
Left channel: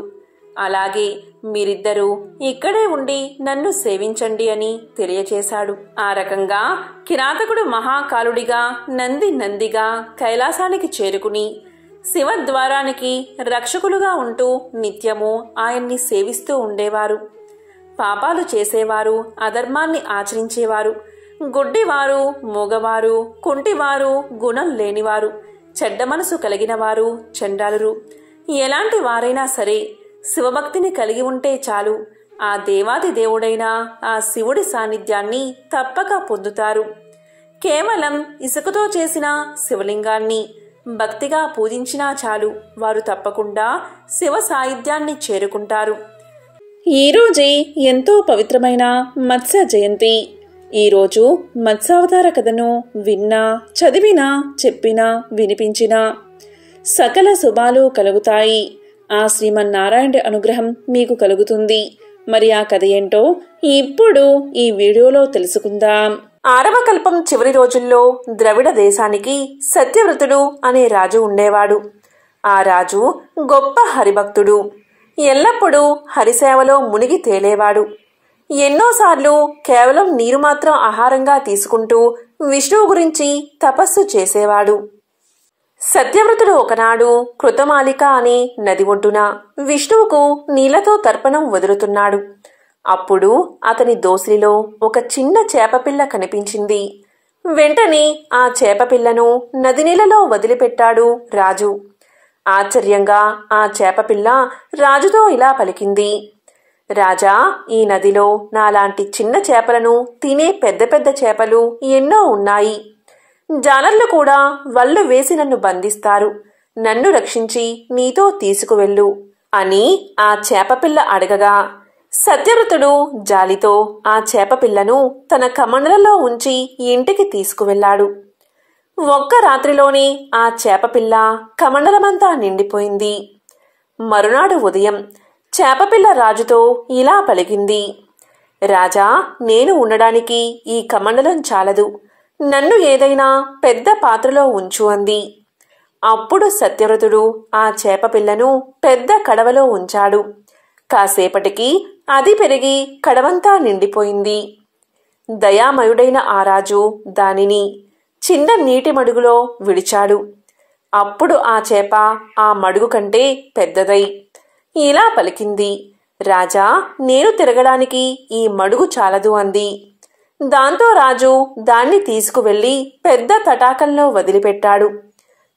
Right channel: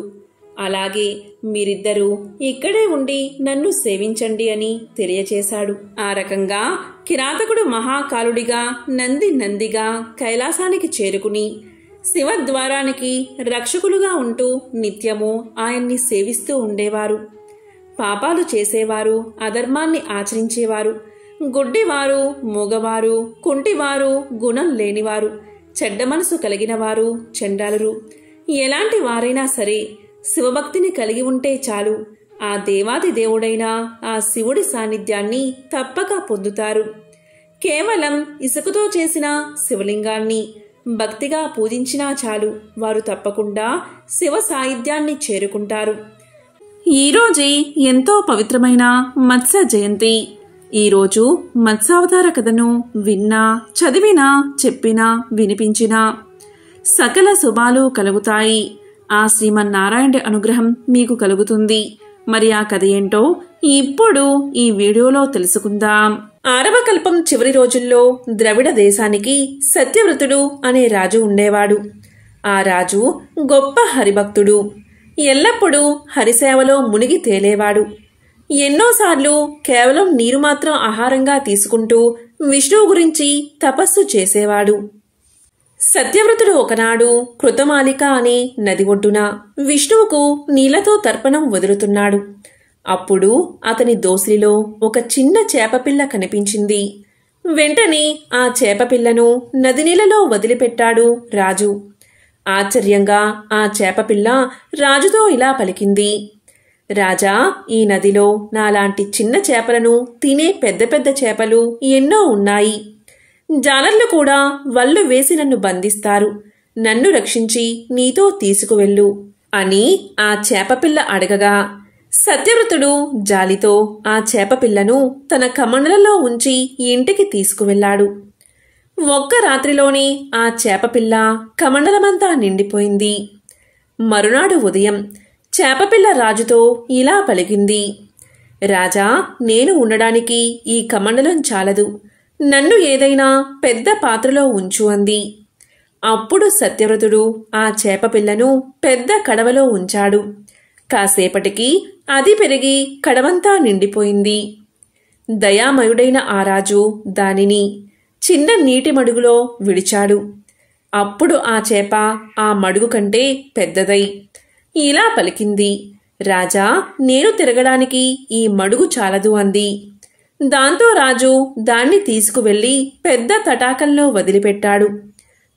అలాగే మీరిద్దరూ ఇక్కడే ఉండి నన్ను సేవించండి అని తెలియచేశాడు. ఆ రకంగా కిరాతకుడు మహాకాలుడిగా నందిగా కైలాసానికి చేరుకుని శివద్వారానికి రక్షకులుగా ఉంటూ నిత్యము ఆయన్ని సేవిస్తూ ఉండేవారు. పాపాలు చేసేవారు, అధర్మాన్ని ఆచరించేవారు, గుడ్డివారు, మూగవారు, కుంటివారు, గుణం లేనివారు, చెడ్డ మనసు కలిగినవారు, చండాలురు, ఎలాంటి వారైనా సరే శివభక్తిని కలిగి ఉంటే చాలు ఆ దేవాది దేవుడైన ఆ శివుడి సాన్నిధ్యాన్ని తప్పక పొందుతారు. కేవలం ఇసుకతో చేసిన శివలింగాన్ని భక్తిగా పూజించినా చాలు వారు తప్పకుండా శివ సాన్నిధ్యాన్ని చేరుకుంటారు. ఈరోజే ఎంతో పవిత్రమైన మత్స్య జయంతి. ఈరోజు మత్స్యావతార కథను విన్నా, చదివినా, చెప్పినా, వినిపించినా సకల శుభాలు కలుగుతాయి. ఆ శ్రీమన్నారాయణుడి అనుగ్రహం మీకు కలుగుతుంది. మరి ఆ కథ ఏంటో ఇప్పుడు ఈ వీడియోలో తెలుసుకుందాం. ఆరవ కల్పం చివరి రోజుల్లో ద్రవిడ దేశానికి సత్యవ్రతుడు అనే రాజు ఉండేవాడు. ఆ రాజు గొప్ప హరిభక్తుడు. ఎల్లప్పుడూ హరిసేవలో మునిగి తేలేవాడు. ఎన్నోసార్లు కేవలం నీరు మాత్రం ఆహారంగా తీసుకుంటూ విష్ణువు గురించి తపస్సు చేసేవాడు. సత్యవ్రతుడు ఒకనాడు కృతమాలిక అనే నది ఒడ్డున విష్ణువుకు నీళ్లతో తర్పణం వదులుతున్నాడు. అప్పుడు అతని దోసిలిలో ఒక చిన్న చేపపిల్ల కనిపించింది. వెంటనే ఆ చేపపిల్లను నది నీళ్లలో వదిలిపెట్టాడు రాజు. ఆశ్చర్యంగా ఆ చేపపిల్ల రాజుతో ఇలా పలికింది: రాజా, ఈ నదిలో నాలాంటి చిన్న చేపలను తినే పెద్ద పెద్ద చేపలు ఎన్నో ఉన్నాయి. జాలర్లు కూడా వల్లు వేసి నన్ను బంధిస్తారు. నన్ను రక్షించి నీతో తీసుకువెళ్ళు అని ఆ చేపపిల్ల అడగగా సత్యవ్రతుడు జాలితో ఆ చేపపిల్లను తన కమండలలో ఉంచి ఇంటికి తీసుకువెళ్ళాడు. ఒక్క రాత్రిలోనే ఆ చేపపిల్ల కమండలమంతా నిండిపోయింది. మరునాడు ఉదయం చేపపిల్ల రాజుతో ఇలా పలికింది: రాజా, నేను ఉండడానికి ఈ కమండలం చాలదు. నన్ను ఏదైనా పెద్ద పాత్రలో ఉంచు అంది. అప్పుడు సత్యవ్రతుడు ఆ చేపపిల్లను పెద్ద కడవలో ఉంచాడు. కాసేపటికి అది పెరిగి కడవంతా నిండిపోయింది. దయామయుడైన ఆ రాజు దానిని చిన్న నీటి మడుగులో విడిచాడు. అప్పుడు ఆ చేప ఆ మడుగు కంటే పెద్దదై ఇలా పలికింది: రాజా, నేను తిరగడానికి ఈ మడుగు చాలదు అంది. దాంతో రాజు దాన్ని తీసుకువెళ్లి పెద్ద తటాకంలో వదిలిపెట్టాడు.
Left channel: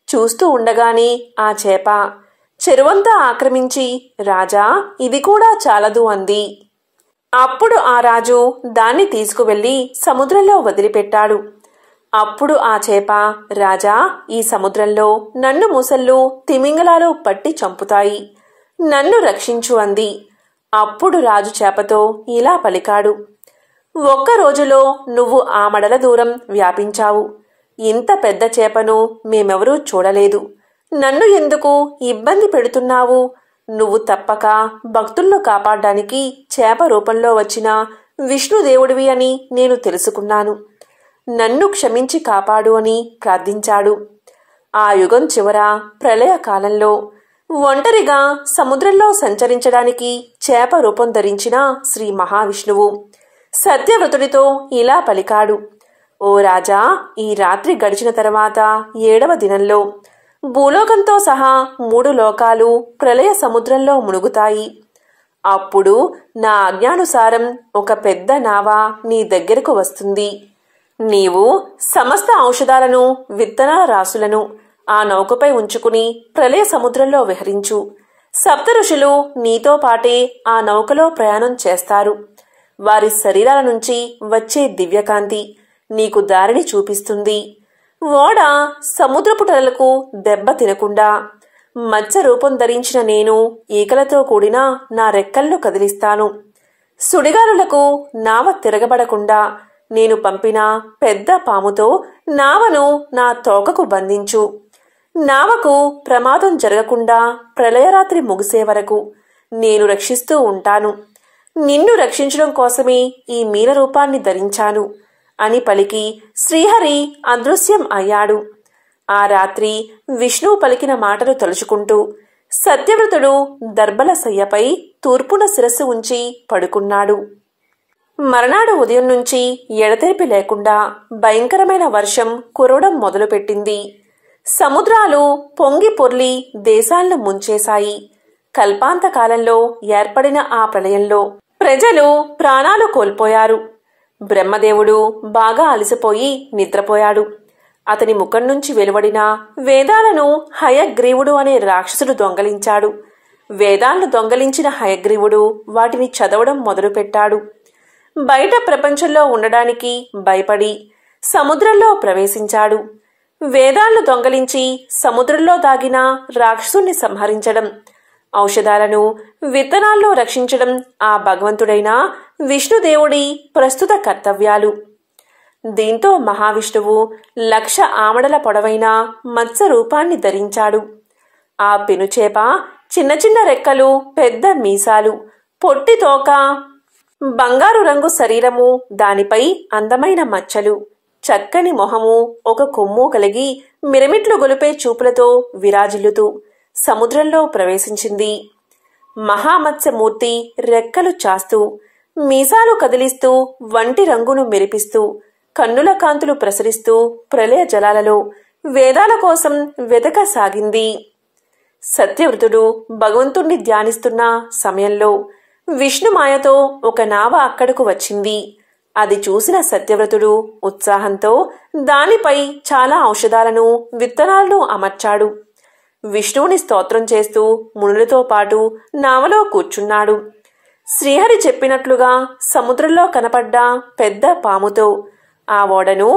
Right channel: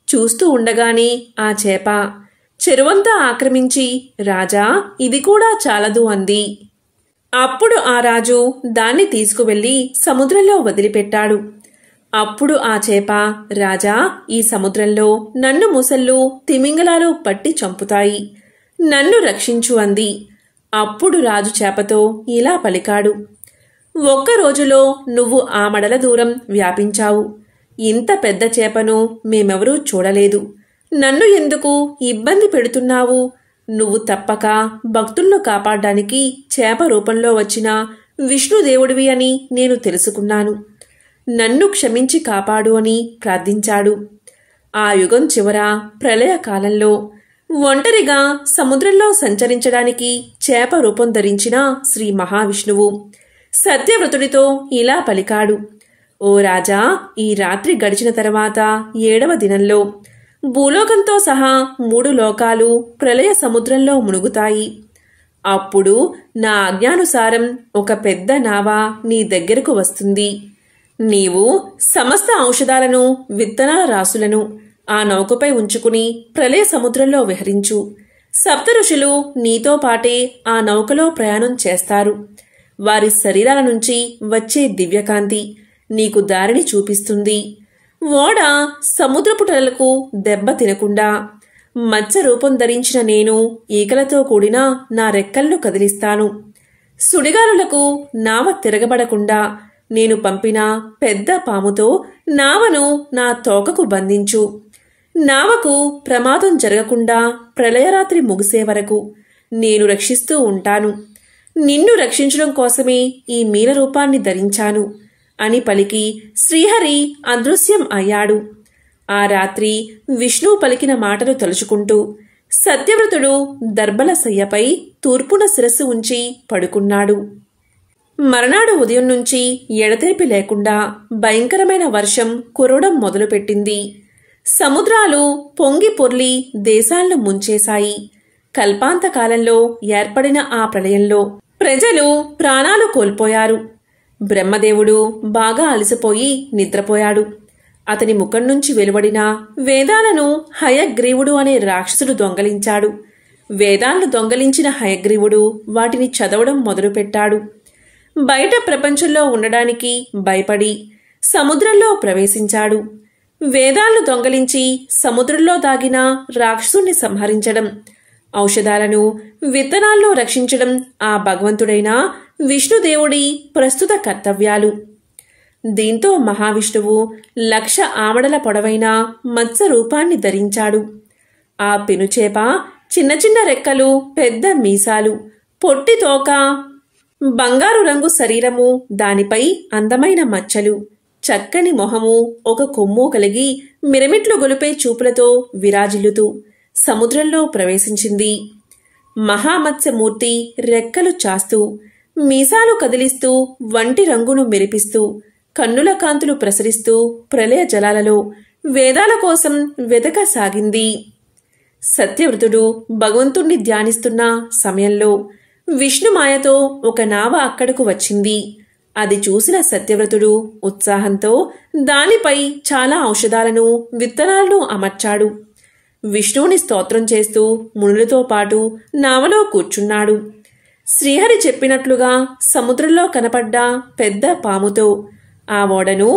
చూస్తూ ఉండగానే ఆ చేప చెరువంతా ఆక్రమించి రాజా, ఇది కూడా చాలదు అంది. అప్పుడు ఆ రాజు దాన్ని తీసుకువెళ్లి సముద్రంలో వదిలిపెట్టాడు. అప్పుడు ఆ చేప, రాజా, ఈ సముద్రంలో నన్ను ముసళ్ళు, తిమింగలాలు పట్టి చంపుతాయి. నన్ను రక్షించు అంది. అప్పుడు రాజు చేపతో ఇలా పలికాడు: ఒక్క రోజులో నువ్వు ఆ మడల దూరం వ్యాపించావు. ఇంత పెద్ద చేపను మేమెవరూ చూడలేదు. నన్ను ఎందుకు ఇబ్బంది పెడుతున్నావు? నువ్వు తప్పక భక్తులను కాపాడడానికి చేప రూపంలో వచ్చిన విష్ణుదేవుడివి అని నేను తెలుసుకున్నాను. నన్ను క్షమించి కాపాడు అని ప్రార్థించాడు. ఆ యుగం చివర ప్రళయకాలంలో ఒంటరిగా సముద్రంలో సంచరించడానికి చేప రూపం ధరించిన శ్రీ మహావిష్ణువు సత్యవ్రతుడితో ఇలా పలికాడు: ఓ రాజా, ఈ రాత్రి గడిచిన తర్వాత 7వ దినంలో భూలోకంతో సహా 3 లోకాలు ప్రళయ సముద్రంలో మునుగుతాయి. అప్పుడు నా ఆజ్ఞానుసారం ఒక పెద్ద నావ నీ దగ్గరకు వస్తుంది. నీవు సమస్త ఔషధాలను, విత్తనాల రాసులను ఆ నౌకపై ఉంచుకుని ప్రళయ సముద్రంలో విహరించు. సప్త ఋషులు నీతో పాటే ఆ నౌకలో ప్రయాణం చేస్తారు. వారి శరీరాల నుంచి వచ్చే దివ్యకాంతి నీకు దారిని చూపిస్తుంది. ఓడ సముద్రపు టలలకు దెబ్బ తినకుండా మత్స్య రూపం ధరించిన నేను ఈకలతో కూడిన నా రెక్కలను కదిలిస్తాను. సుడిగాలులకు నావ తిరగబడకుండా నేను పంపిన పెద్ద పాముతో నావను నా తోకకు బంధించు. నావకు ప్రమాదం జరగకుండా ప్రళయరాత్రి ముగిసే వరకు నేను రక్షిస్తూ ఉంటాను. నిన్ను రక్షించడం కోసమే ఈ మీన రూపాన్ని ధరించాను అని పలికి శ్రీహరి అదృశ్యం అయ్యాడు. ఆ రాత్రి విష్ణువు పలికిన మాటలు తలుచుకుంటూ సత్యవ్రతుడు దర్భల శయ్యపై తూర్పున శిరస్సు ఉంచి పడుకున్నాడు. మర్నాడు ఉదయం నుంచి ఎడతెరిపి లేకుండా భయంకరమైన వర్షం కురవడం మొదలుపెట్టింది. సముద్రాలు పొంగి పొర్లి దేశాలను ముంచేశాయి. కల్పాంతకాలంలో ఏర్పడిన ఆ ప్రళయంలో ప్రజలు ప్రాణాలు కోల్పోయారు. బ్రహ్మదేవుడు బాగా అలసిపోయి నిద్రపోయాడు. అతని ముఖం నుంచి వెలువడిన వేదాలను హయగ్రీవుడు అనే రాక్షసుడు దొంగలించాడు. వేదాలను దొంగలించిన హయగ్రీవుడు వాటిని చదవడం మొదలుపెట్టాడు. బయట ప్రపంచంలో ఉండడానికి భయపడి సముద్రంలో ప్రవేశించాడు. వేదాలను దొంగలించి సముద్రంలో దాగిన రాక్షసుని సంహరించడం, ఔషధాలను విత్తనాలను రక్షించడం ఆ భగవంతుడైన విష్ణుదేవుడి ప్రస్తుత కర్తవ్యాలు. దీంతో మహావిష్ణువు 1,00,000 ఆమడల పొడవైన మత్స్య రూపాన్ని ధరించాడు. ఆ పెనుచేప చిన్న చిన్న రెక్కలు, పెద్ద మీసాలు, పొట్టి తోక, బంగారు రంగు శరీరము, దానిపై అందమైన మచ్చలు, చక్కని మొహము, ఒక కొమ్ము కలిగి మిరమిట్లు గొలిపే చూపులతో విరాజిల్లుతూ సముద్రంలో ప్రవేశించింది. మహామత్స్యమూర్తి రెక్కలు చాస్తూ, మీసాలు కదిలిస్తూ, వంటి రంగును మెరిపిస్తూ, కన్నుల కాంతులు ప్రసరిస్తూ ప్రళయ జలాలలో వేదాల కోసం వెతకసాగింది. సత్యవ్రతుడు భగవంతుణ్ణి ధ్యానిస్తున్న సమయంలో విష్ణుమాయతో ఒక నావ అక్కడకు వచ్చింది. అది చూసిన సత్యవ్రతుడు ఉత్సాహంతో దానిపై చాలా ఔషధాలను, విత్తనాలను అమర్చాడు. విష్ణువుని స్తోత్రం చేస్తూ మునులతో పాటు నావలో కూర్చున్నాడు. శ్రీహరి చెప్పినట్లుగా సముద్రంలో కనపడ్డ పెద్ద పాముతో ఆ ఓడను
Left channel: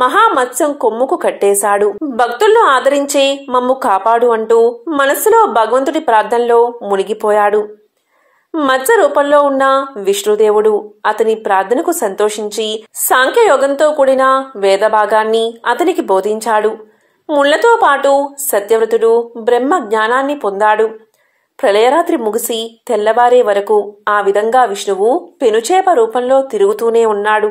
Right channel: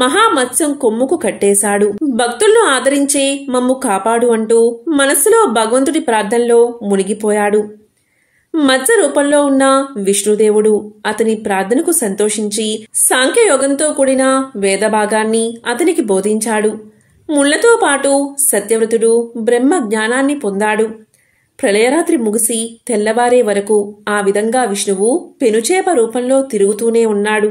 మహామత్స్యం కొమ్ముకు కట్టేశాడు. భక్తులను ఆదరించే మమ్ము కాపాడు అంటూ మనస్సులో భగవంతుడి ప్రార్థనలో మునిగిపోయాడు. మత్స్య రూపంలో ఉన్న విష్ణుదేవుడు అతని ప్రార్థనకు సంతోషించి సాంఖ్యయోగంతో కూడిన వేదభాగాన్ని అతనికి బోధించాడు. ముళ్లతో పాటు సత్యవ్రతుడు బ్రహ్మ జ్ఞానాన్ని పొందాడు. ప్రళయరాత్రి ముగిసి తెల్లవారే వరకు ఆ విధంగా విష్ణువు పెనుచేప రూపంలో తిరుగుతూనే ఉన్నాడు.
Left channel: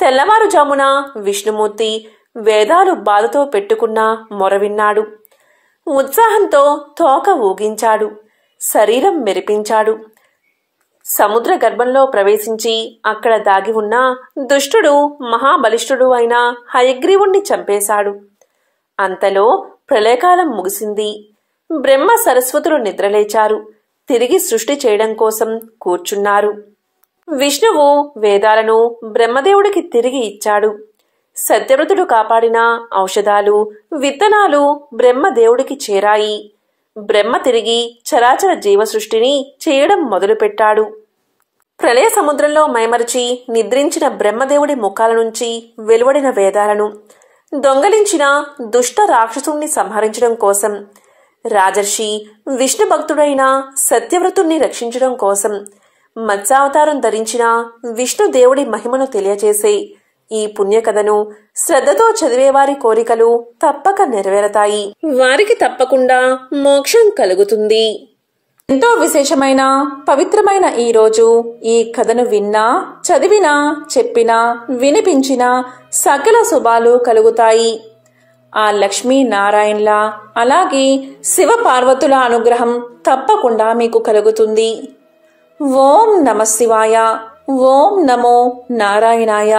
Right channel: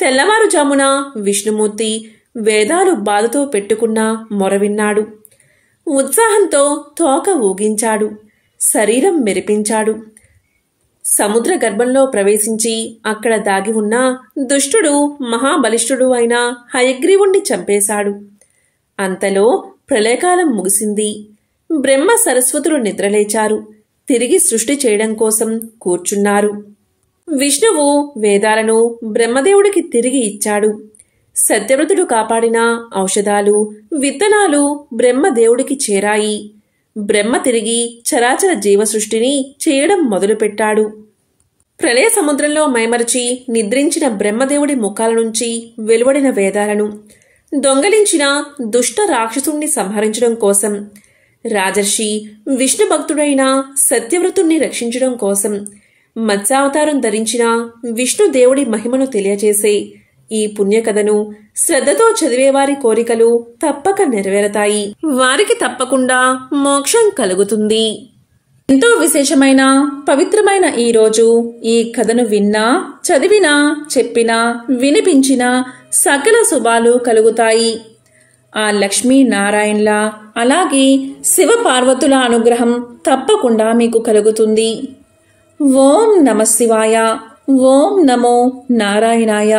తెల్లవారుజామున విష్ణుమూర్తి వేదాలు బాధతో పెట్టుకున్న మొర విన్నాడు. ఉత్సాహంతో తోక ఊగించాడు, శరీరం మెరిపించాడు. సముద్ర గర్భంలో ప్రవేశించి అక్కడ దాగి ఉన్న దుష్టుడు మహాబలిష్ఠుడు అయిన హయగ్రీవుణ్ణి చంపేశాడు. అంతలో ప్రళయకాలం ముగిసింది. బ్రహ్మ సరస్వతులు నిద్రలేచారు. తిరిగి సృష్టి చేయడం కోసం కూర్చున్నారు. విష్ణువు వేదాలను బ్రహ్మదేవుడికి తిరిగి ఇచ్చాడు. సత్యవ్రతుడు కాపాడిన ఔషధాలు, విత్తనాలు బ్రహ్మదేవుడికి చేరాయి. బ్రహ్మ తిరిగి చరాచర జీవ సృష్టిని చేయడం మొదలుపెట్టాడు. ప్రళయ సముద్రంలో మైమరచి నిద్రించిన బ్రహ్మదేవుడి ముఖాల నుంచి వెలువడిన వేదాలను దొంగలించిన దుష్ట రాక్షసుణ్ణి సంహరించడం కోసం, రాజర్షి విష్ణు భక్తుడైన సత్యవ్రతుణ్ణి రక్షించడం కోసం మత్స్యావతారం ధరించిన విష్ణుదేవుడి మహిమను తెలియజేసే ఈ పుణ్యకథను శ్రద్ధతో చదివేవారి కోరికలు తప్పక నెరవేరతాయి. వారికి తప్పకుండా మోక్షం కలుగుతుంది. ఎంతో విశేషమైన పవిత్రమైన ఈ రోజు ఈ కథను విన్నా, చదివినా, చెప్పినా, వినిపించినా సకల శుభాలు కలుగుతాయి. ఆ లక్ష్మీనారాయణల అలాగే శివ పార్వతుల అనుగ్రహం తప్పకుండా మీకు కలుగుతుంది. ఓం నమః శివాయ. ఓం నమో నారాయణాయ.